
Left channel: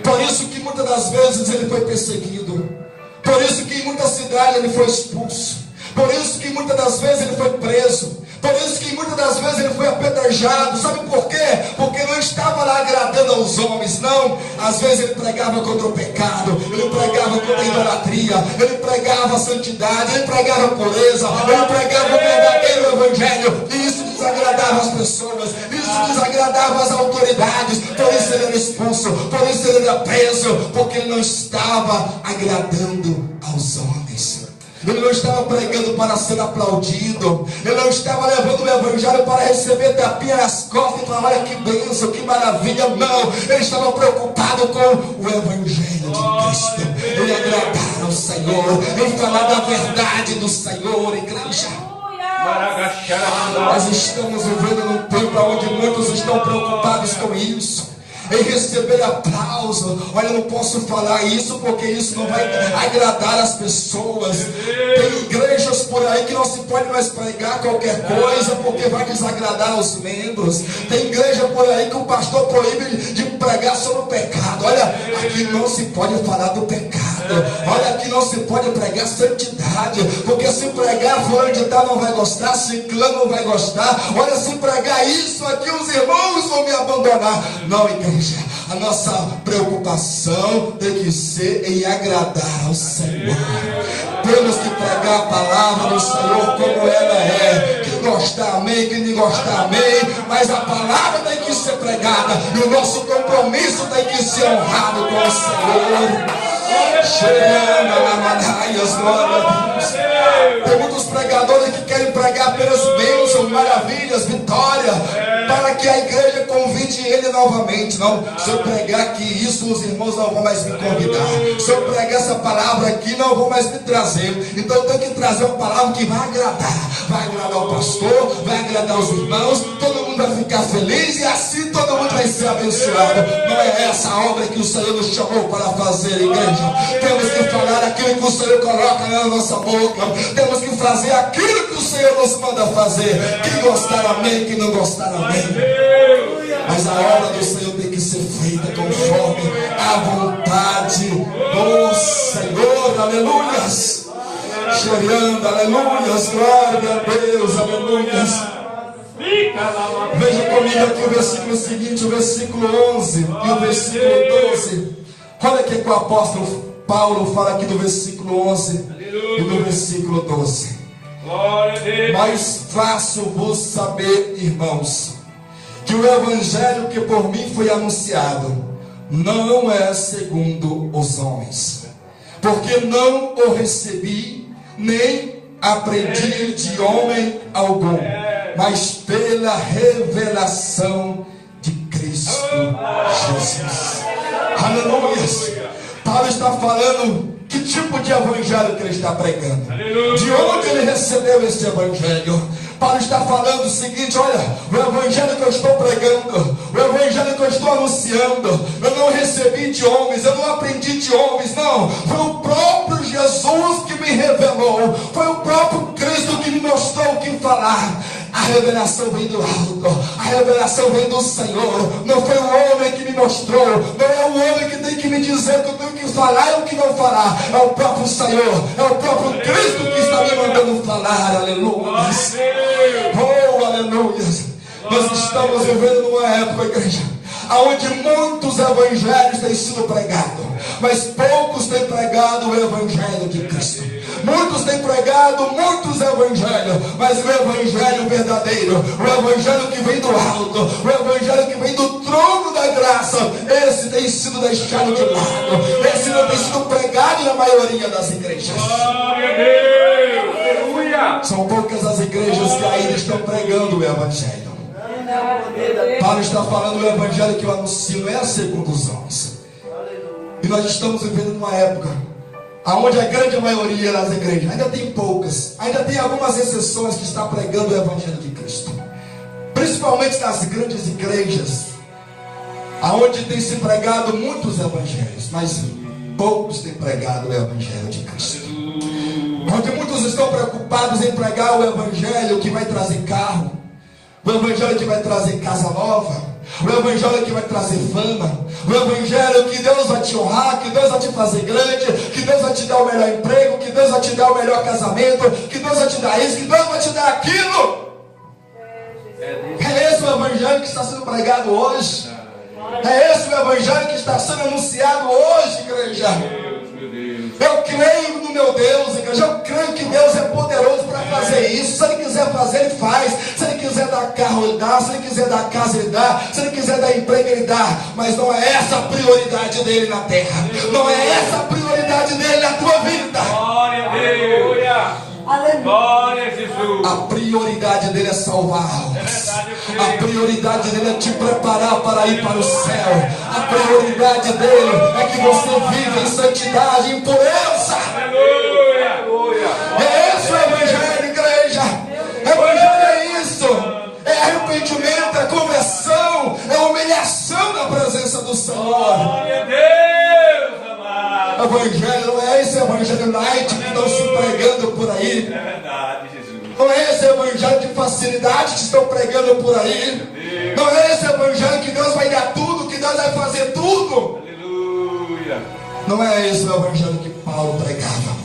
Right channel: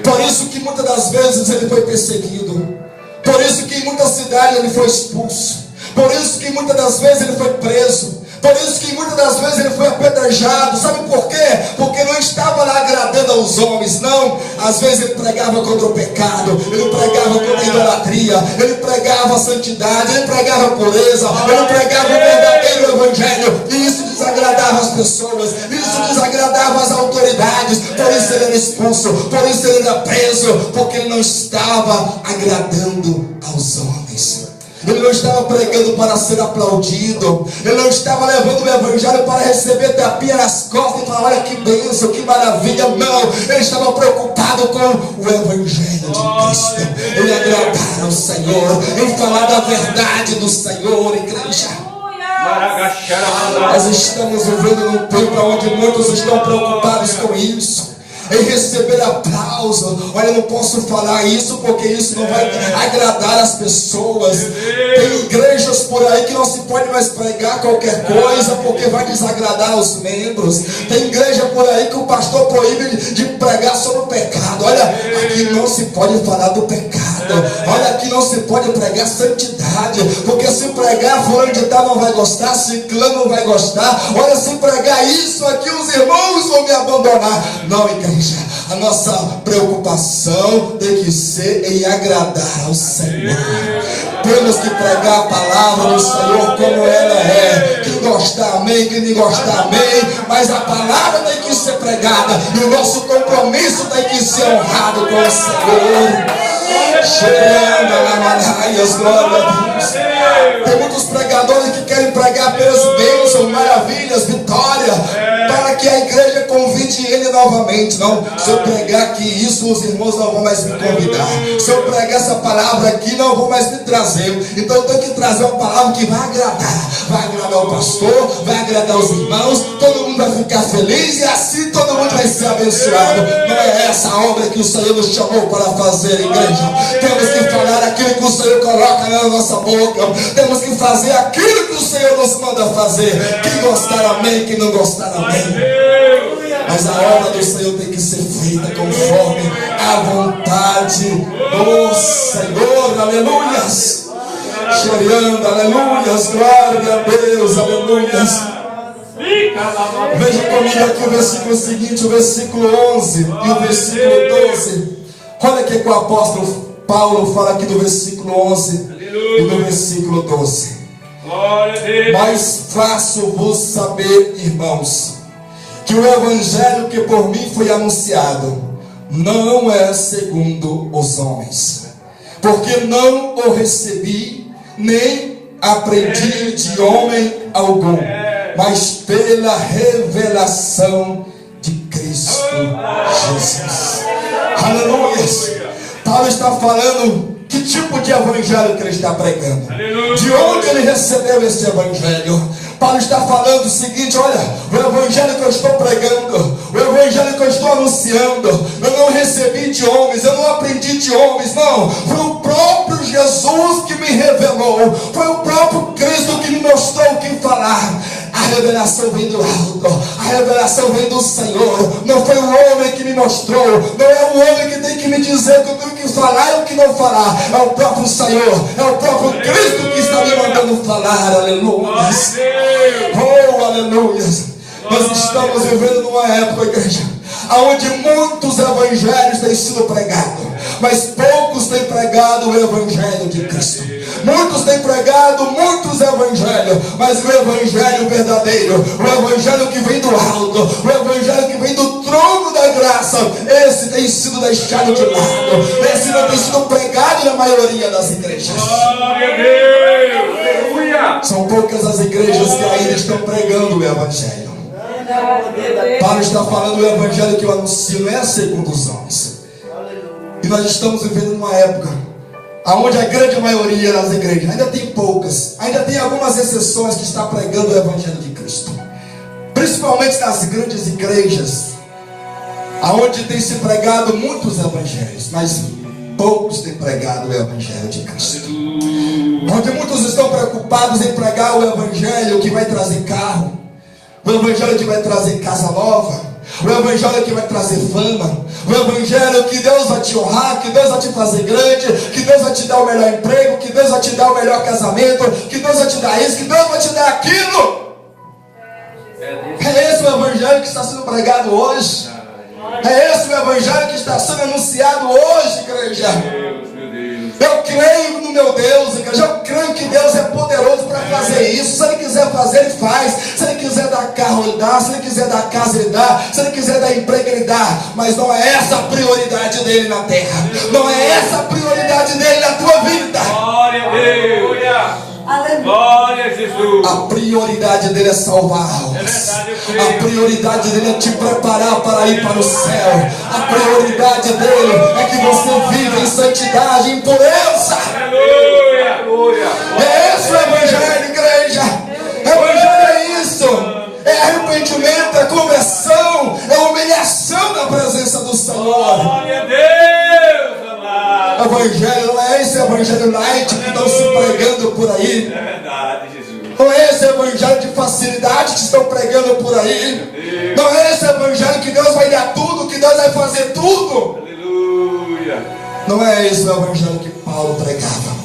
Por isso que muitas das vezes ele foi perseguido. Por isso que em muitas cidades ele foi expulso. Por isso que muitas das vezes ele foi preso. Por isso que muitas das vezes ele foi apedrejado. Sabe por quê? Porque não estava lá agradando aos homens, não. Às vezes ele pregava contra o pecado, ele pregava contra a idolatria, ele pregava a santidade, ele pregava a pureza, ele pregava o verdadeiro evangelho. E isso desagradava as pessoas, isso desagradava as autoridades. Por isso ele era expulso, por isso ele era preso, porque ele não estava agradando aos homens. Ele não estava pregando para ser aplaudido. Ele não estava levando o evangelho para receber tapinha nas costas e falar: olha que bênção, que maravilha. Não, ele estava preocupado com o evangelho de Cristo, em agradar ao Senhor, em falar da verdade do Senhor, igreja. Nós estamos vivendo num tempo onde muitos estão preocupados com isso, em receber aplauso. Olha, eu não posso falar isso porque isso não vai agradar as pessoas. Tem igrejas por aí que não se pode mais pregar qualquer coisa porque vai desagradar os membros. Tem igreja por aí que o pastor proíbe de pregar sobre o pecado. Olha, aqui não se pode falar do pecado. Olha, aqui não se pode pregar santidade, porque se pregar fulano de tal não vai gostar, ciclano não vai gostar. Olha, se pregar isso aqui os irmãos vão me abandonar. Não, igreja, a nossa preocupação tem que ser em agradar ao Senhor. Temos que pregar a palavra do Senhor como ela é. Quem gostar, amém. Quem não gostar, amém. Mas a palavra tem que ser pregada e o nosso compromisso tem que ser honrado com o Senhor. Glória a Deus. Tem muitos pregadores que querem pregar apenas bênçãos, maravilhas, vitória, para que a igreja convide ele novamente. Não, se eu pregar aqui isso, os irmãos não vão mais me convidar. Se eu pregar essa palavra aqui, não vão mais me trazer. Então eu tenho que trazer uma palavra que vai agradar o pastor, vai agradar os irmãos, todo mundo vai ficar feliz e assim todo mundo vai ser abençoado. Não é essa a obra que o Senhor nos chamou para fazer, igreja. Temos que falar aquilo que o Senhor coloca na nossa boca. Temos que fazer aquilo que o Senhor nos manda fazer. Quem gostar, amém. Quem não gostar, amém. Mas a obra do Senhor tem que ser feita conforme a vontade do Senhor. Aleluias. Chorando, aleluias. Glória a Deus, aleluias. Veja comigo aqui o versículo seguinte, o versículo 11 e o versículo 12. Olha o que o apóstolo Paulo fala aqui do versículo 11 e do versículo 12. Mas faço-vos saber, irmãos, que o evangelho que por mim foi anunciado não é segundo os homens, porque não o recebi, nem aprendi de homem algum, mas pela revelação de Cristo Jesus. Aleluia. Paulo está falando que tipo de evangelho que ele está pregando, de onde ele recebeu esse evangelho. Paulo está falando o seguinte: olha, o evangelho que eu estou pregando, o evangelho que eu estou anunciando, eu não recebi de homens, eu não aprendi de homens, não. Foi o próprio Jesus que me revelou, foi o próprio Cristo que me mostrou o que falar. A revelação vem do alto, a revelação vem do Senhor. Não foi o homem que me mostrou, não é o homem que tem que me dizer o que eu tenho que falar e o que não falar. É o próprio Senhor, é o próprio Cristo que está me mandando falar. Aleluia. Oh, aleluia. Nós estamos vivendo numa época, igreja, onde muitos evangelhos têm sido pregados, mas poucos têm pregado o evangelho de Cristo. Muitos têm pregado muitos evangelhos, mas o evangelho verdadeiro, o evangelho que vem do alto, o evangelho que vem do trono da graça, esse tem sido deixado de lado, esse não tem sido pregado na maioria das igrejas. São poucas as igrejas que ainda estão pregando o evangelho. Paulo está falando do evangelho que eu anuncio não é segundo os homens. E nós estamos vivendo numa época onde a grande maioria das igrejas, ainda tem poucas, ainda tem algumas exceções que está pregando o evangelho de Cristo, principalmente nas grandes igrejas, onde tem se pregado muitos evangelhos, mas poucos têm pregado o evangelho de Cristo. Onde muitos estão preocupados em pregar o evangelho que vai trazer carro, o evangelho que vai trazer casa nova, o evangelho que vai trazer fama, o evangelho que Deus vai te honrar, que Deus vai te fazer grande, que Deus vai te dar o melhor emprego, que Deus vai te dar o melhor casamento, que Deus vai te dar isso, que Deus vai te dar aquilo. É esse o evangelho que está sendo pregado hoje. É esse o evangelho que está sendo anunciado hoje, igreja. Eu creio no meu Deus, igreja. Eu creio que Deus é poderoso para fazer isso. Se Ele quiser fazer, Ele faz. Se Ele quiser dar carro, Ele dá. Se Ele quiser dar casa, Ele dá. Se Ele quiser dar emprego, Ele dá. Mas não é essa a prioridade dele na terra. Não é essa a prioridade dele na tua vida. Glória a Deus. Glória a Jesus. A prioridade dele é salvar almas. A prioridade dele é te preparar para ir para o céu. A prioridade dele é que você viva em santidade, em pureza. Aleluia. É esse o evangelho, igreja. Evangelho é isso. É arrependimento, é conversão, é humilhação na presença do Senhor. Glória a Deus, amado. Eu evangelho, não é esse evangelho light que estão se pregando por aí. É verdade, Jesus. Não é esse evangelho de facilidade que estão pregando por aí. Não é esse evangelho que Deus vai dar tudo, que Deus vai fazer tudo. Aleluia. Não é esse o evangelho que Paulo pregava.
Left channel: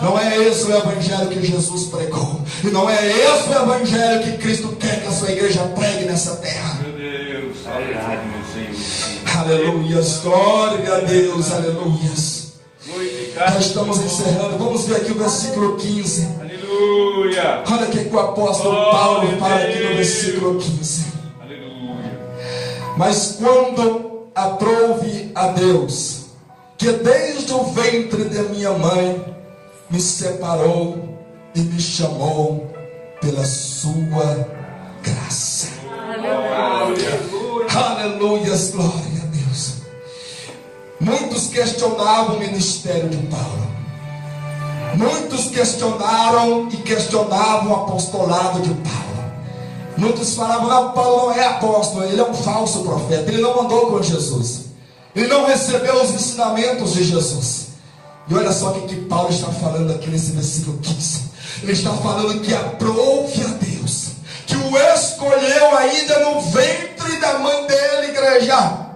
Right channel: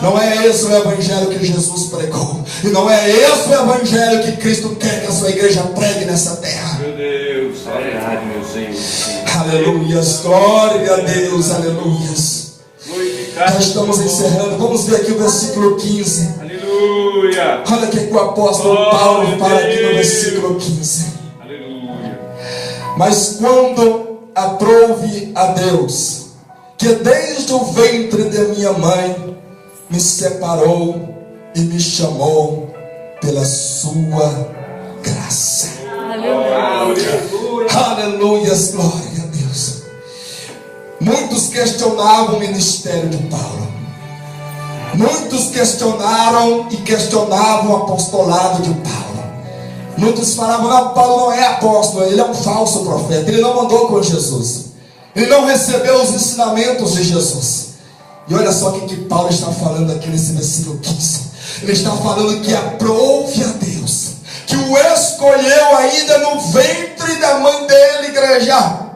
Não é esse o evangelho que Jesus pregou. E não é esse o evangelho que Cristo quer que a sua igreja pregue nessa terra. Meu Deus, é verdade, meu Senhor. Aleluias, glória a Deus, aleluias. Glorificado. Nós estamos encerrando. Vamos ver aqui o versículo 15. Aleluia. Olha o que o apóstolo Paulo fala aqui no versículo 15. Aleluia. Mas quando aprouve a Deus, que desde o ventre de minha mãe me separou e me chamou pela sua graça. Aleluias, glória a Deus. Muitos questionavam o ministério de Paulo. Muitos questionaram e questionavam o apostolado de Paulo. Muitos falavam: não, Paulo não é apóstolo, ele é um falso profeta, ele não andou com Jesus, ele não recebeu os ensinamentos de Jesus. E olha só o que Paulo está falando aqui nesse versículo 15. Ele está falando que aprove a Deus, que o escolheu ainda no ventre da mãe dele, igreja.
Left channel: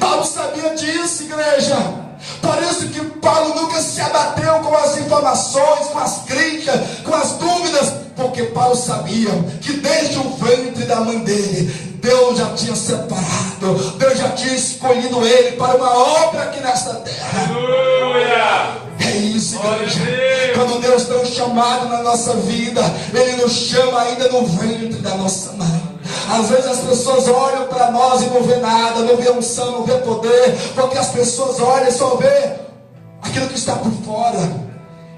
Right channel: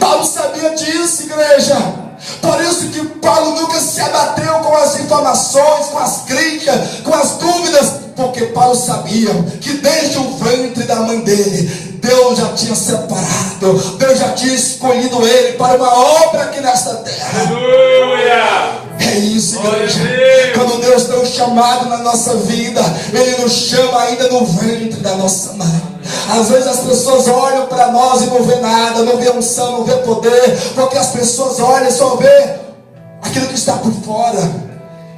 Paulo sabia disso, igreja. Por isso que Paulo nunca se abateu com as informações, com as críticas, com as dúvidas, porque Paulo sabia que desde o ventre da mãe dele, Deus já tinha separado, Deus já tinha escolhido ele para uma obra aqui nesta terra. Aleluia. É isso, igreja. Quando Deus tem um chamado na nossa vida, Ele nos chama ainda no ventre da nossa mãe. Às vezes as pessoas olham para nós e não vê nada, não vê unção, não vê poder, porque as pessoas olham e só vê aquilo que está por fora.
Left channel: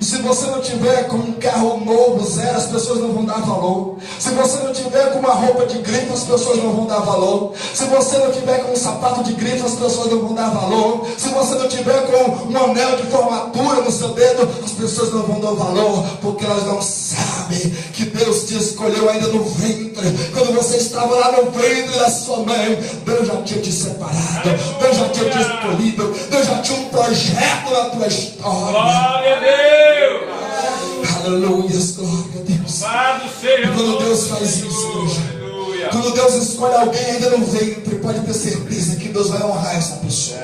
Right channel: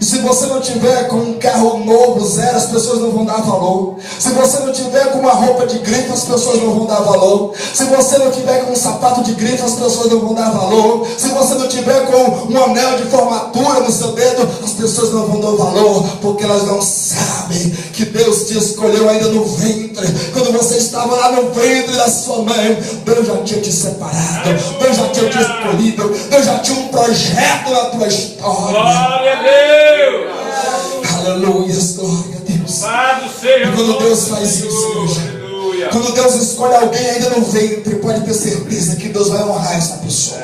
E se você não tiver com um carro novo, zero, as pessoas não vão dar valor. Se você não tiver com uma roupa de grife, as pessoas não vão dar valor. Se você não tiver com um sapato de grife, as pessoas não vão dar valor. Se você não tiver com um anel de formatura no seu dedo, as pessoas não vão dar valor, porque elas não sabem que Deus te escolheu ainda no ventre. Quando você estava lá no ventre da sua mãe, Deus já tinha te separado, Deus já tinha te escolhido, Deus já tinha um projeto na tua história. Glória a Deus. Aleluia, glória a Deus. E quando Deus faz isso, igreja, quando Deus escolhe alguém ainda no ventre, pode ter certeza que Deus vai honrar essa pessoa.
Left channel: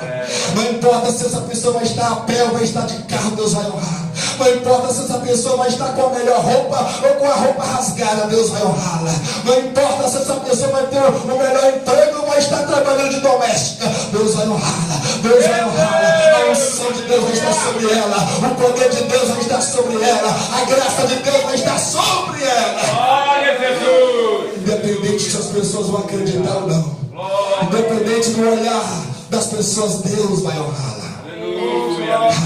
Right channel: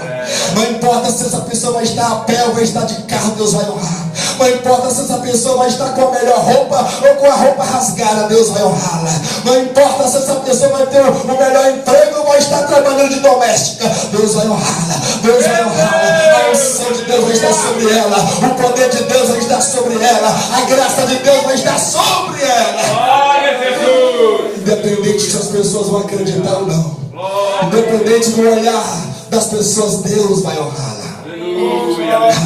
Não importa se essa pessoa vai estar a pé ou vai estar de carro, Deus vai honrar. Não importa se essa pessoa vai estar com a melhor roupa ou com a roupa rasgada, Deus vai honrá-la. Não importa se essa pessoa vai ter o melhor emprego ou vai estar trabalhando de doméstica, Deus vai honrá-la. Deus vai honrá-la. A unção de Deus vai estar sobre ela, o poder de Deus vai estar sobre ela, a graça de Deus vai estar sobre ela. Glória a Jesus. Independente se as pessoas vão acreditar ou não, independente do olhar das pessoas, Deus vai honrá-la.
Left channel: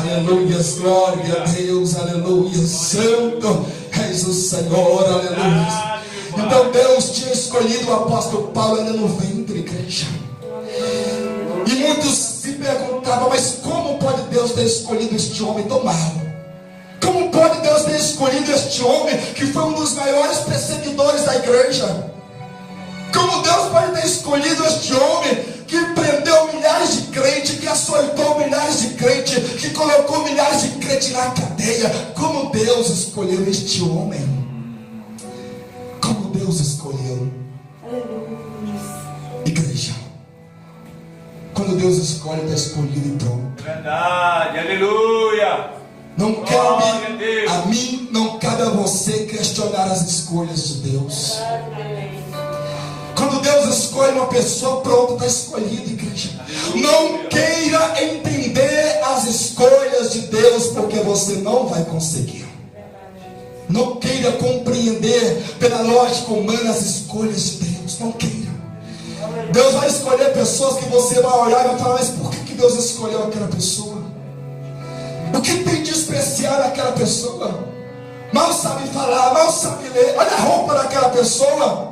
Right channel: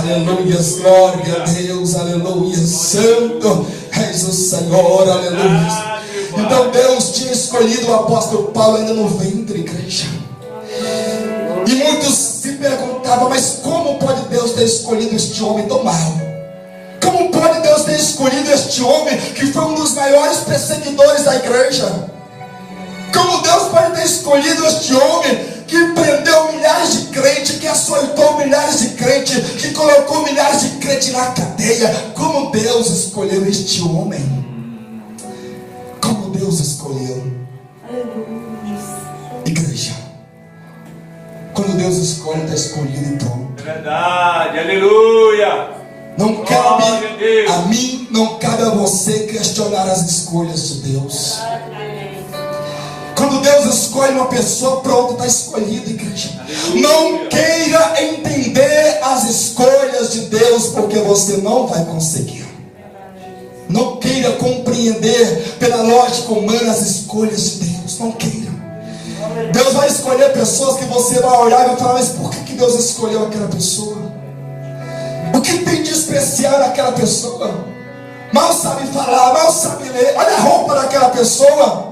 Aleluia, glória a Deus, aleluia, santo és o Senhor, aleluia. Então Deus tinha escolhido o apóstolo Paulo ainda no ventre, igreja. E muitos se perguntavam: mas como pode Deus ter escolhido este homem tão mau? Como pode Deus ter escolhido este homem que foi um dos maiores perseguidores da igreja? Como Deus pode ter escolhido este homem que prendeu milhares de crentes, que açoitou milhares de crentes, que colocou milhares de crentes na cadeia? Como Deus escolheu este homem? Como Deus escolheu? Igreja, quando Deus escolhe, está escolhido e pronto. É verdade, aleluia. Não cabe a mim, não cabe a você questionar as escolhas de Deus. Quando Deus escolhe uma pessoa, pronto, está escolhido, igreja. Não queira entender as escolhas de Deus, porque você não vai conseguir. Não queira compreender pela lógica humana as escolhas de Deus. Não queira. Deus vai escolher pessoas que você vai olhar e vai falar: mas por que Deus escolheu aquela pessoa? O que tem de especial naquela pessoa? Mal sabe falar, mal sabe ler. Olha a roupa daquela pessoa.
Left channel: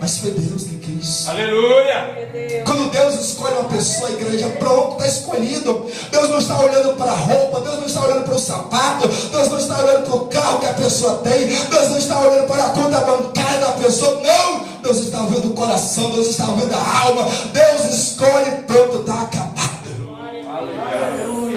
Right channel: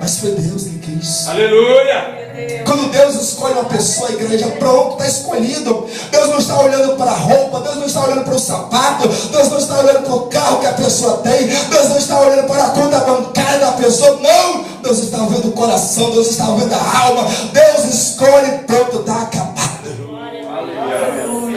Mas foi Deus que quis. Aleluia. Quando Deus escolhe uma pessoa, a igreja, pronto, está escolhido. Deus não está olhando para a roupa, Deus não está olhando para o sapato, Deus não está olhando para o carro que a pessoa tem, Deus não está olhando para a conta bancária da pessoa. Não, Deus está vendo o coração, Deus está vendo a alma. Deus escolhe, pronto, está acabado. Aleluia.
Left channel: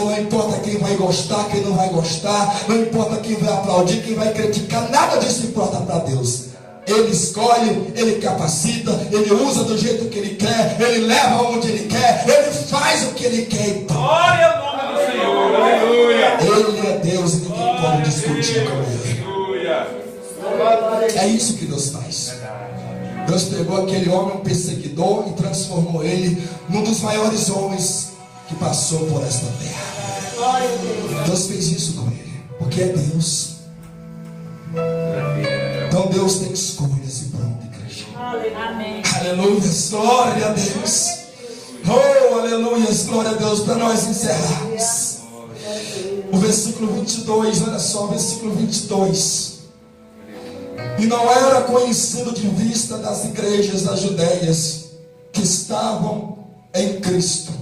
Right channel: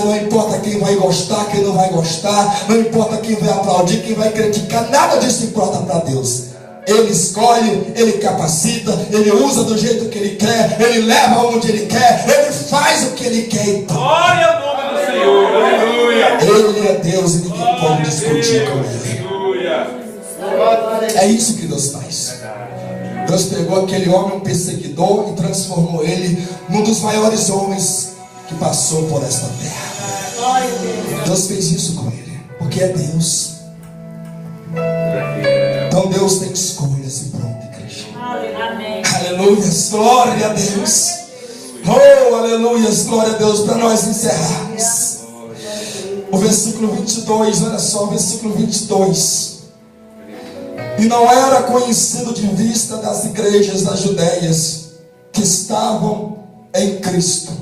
lugar, não importa quem vai gostar, quem não vai gostar, não importa quem vai aplaudir, quem vai criticar, nada disso importa para Deus. Ele escolhe, Ele capacita, Ele usa do jeito que Ele quer, Ele leva onde Ele quer, Ele faz o que Ele quer. Então, Glória ao nome do Senhor. Aleluia. Ele é Deus e ninguém pode discutir com Ele. É isso que Deus faz. Deus pegou aquele homem, um perseguidor, e transformou ele num dos maiores homens que passou por esta terra. Deus fez isso com ele, porque é Deus. Então Deus tem escolhas e pronto, igreja. Aleluia, glória a Deus. Oh, aleluia, glória a Deus. Para nós encerrarmos, o versículo 22, olha só, o versículo 22. E não era conhecido de vista das igrejas das Judéias que estavam em Cristo,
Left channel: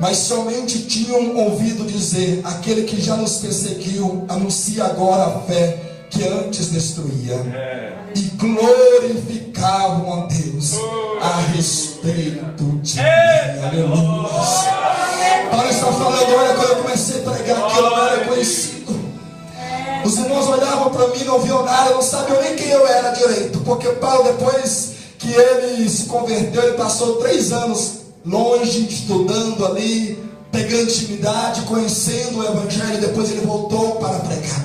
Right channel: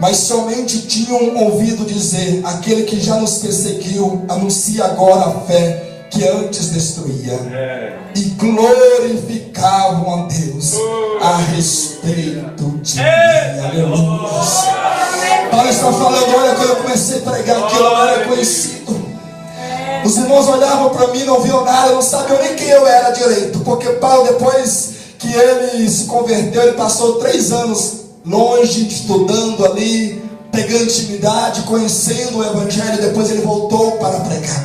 mas somente tinham ouvido dizer: aquele que já nos perseguiu anuncia agora a fé que antes destruía, e glorificavam a Deus a respeito de mim. Aleluia. Paulo está falando: olha, quando eu comecei a pregar aqui, eu não era conhecido. Os irmãos olhavam para mim, não viam nada, não sabiam nem quem eu era direito, porque Paulo, depois que ele se converteu, ele passou 3 anos longe, estudando ali, pegando intimidade, conhecendo o Evangelho. Depois ele voltou para pregar.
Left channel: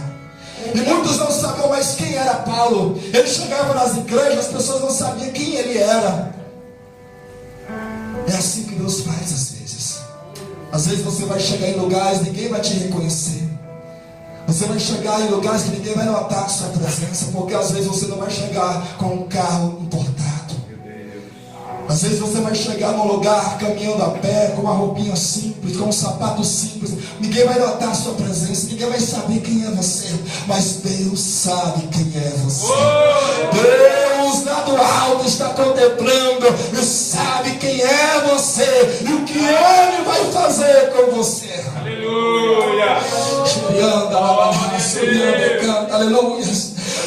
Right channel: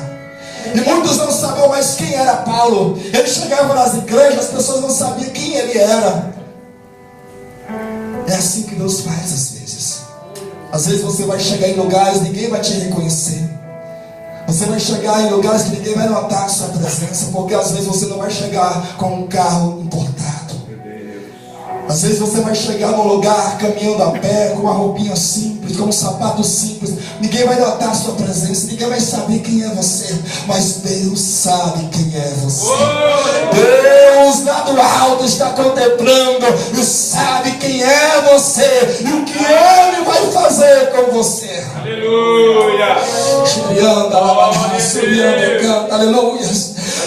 E muitos não sabiam mais quem era Paulo. Ele chegava nas igrejas, as pessoas não sabiam quem ele era. É assim que Deus faz às vezes. Às vezes você vai chegar em lugares, ninguém vai te reconhecer. Você vai chegar em lugares que ninguém vai notar a sua presença, porque às vezes você não vai chegar com um carro importado. Às vezes você vai chegar num lugar caminhando a pé, com uma roupinha simples, com um sapato simples. Ninguém vai notar a sua presença, ninguém vai saber quem é você. Mas Deus sabe quem é você. Deus lá do alto está contemplando e sabe quem é você e o que Ele vai fazer com você. Aleluia. Aleluia.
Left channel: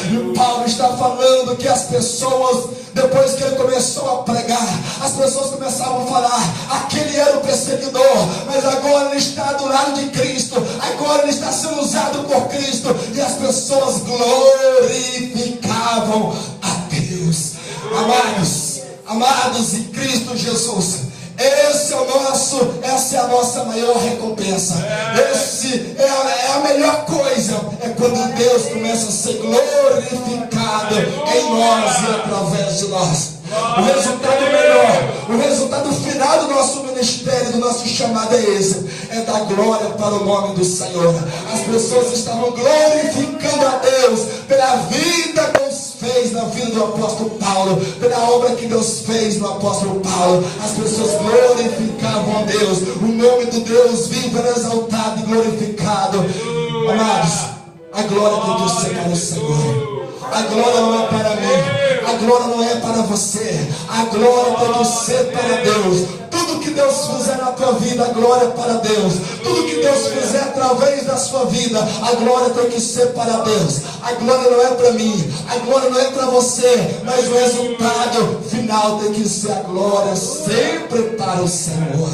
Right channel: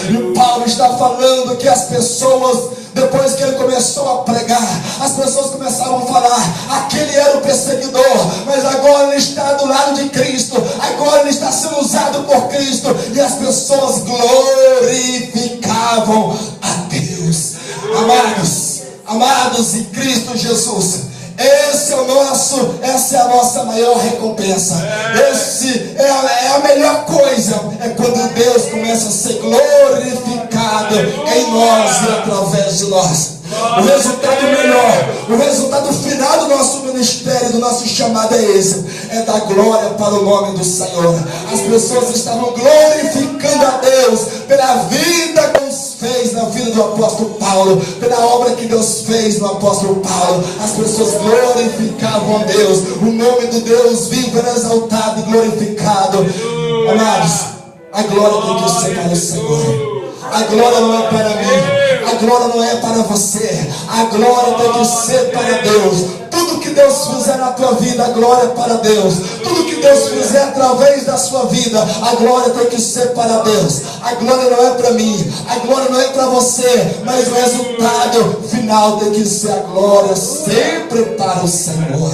E Paulo está falando que as pessoas, depois que ele começou a pregar, as pessoas começaram a falar: aquele era o perseguidor, mas agora ele está do lado de Cristo, agora ele está sendo usado por Cristo. E as pessoas glorificavam a Deus. Amados em Cristo Jesus, essa é a nossa maior recompensa. É a melhor coisa, é quando Deus começa a ser glorificado em nós e através de nós. O resultado melhor, o resultado final do nosso ministério, do nosso chamado é esse: é dar glória para o nome do Senhor. As pessoas estavam glorificando a Deus pela vida que Deus fez na vida do apóstolo Paulo, pela obra que Deus fez no apóstolo Paulo. As pessoas glorificavam a Deus, o nome do Deus vivo era exaltado e glorificado. Amados, a glória tem que ser para o Senhor. A glória não é para mim, a glória não é para você, a glória tem que ser para Deus. Tudo que Deus fizer na tua vida, a glória é para Deus. Tudo que Deus fizer através da sua vida, a glória tem que ser para Deus. A glória não é para mim, a glória não é para você, mas o resultado final tem que ser a glória sempre para o Senhor.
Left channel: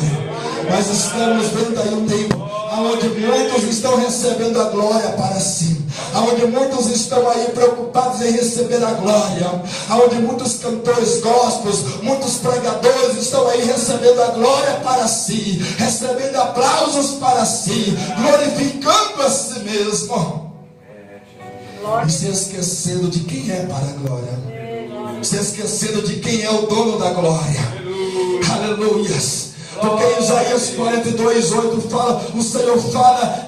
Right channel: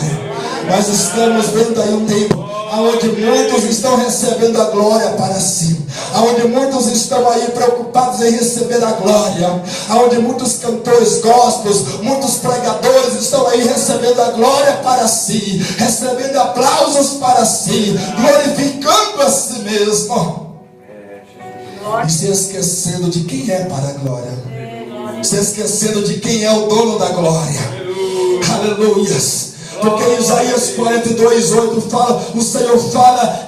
Nós estamos vendo aí um tempo onde muitos estão recebendo a glória para si, onde muitos estão aí preocupados em receber a glória, onde muitos cantores gospels, muitos pregadores estão aí recebendo a glória para si, recebendo aplausos para si, glorificando a si mesmo, e se esquecendo de quem é para a glória, se esquecendo de quem é o dono da glória. Aleluia. Porque Isaías 42:8 fala, o Senhor fala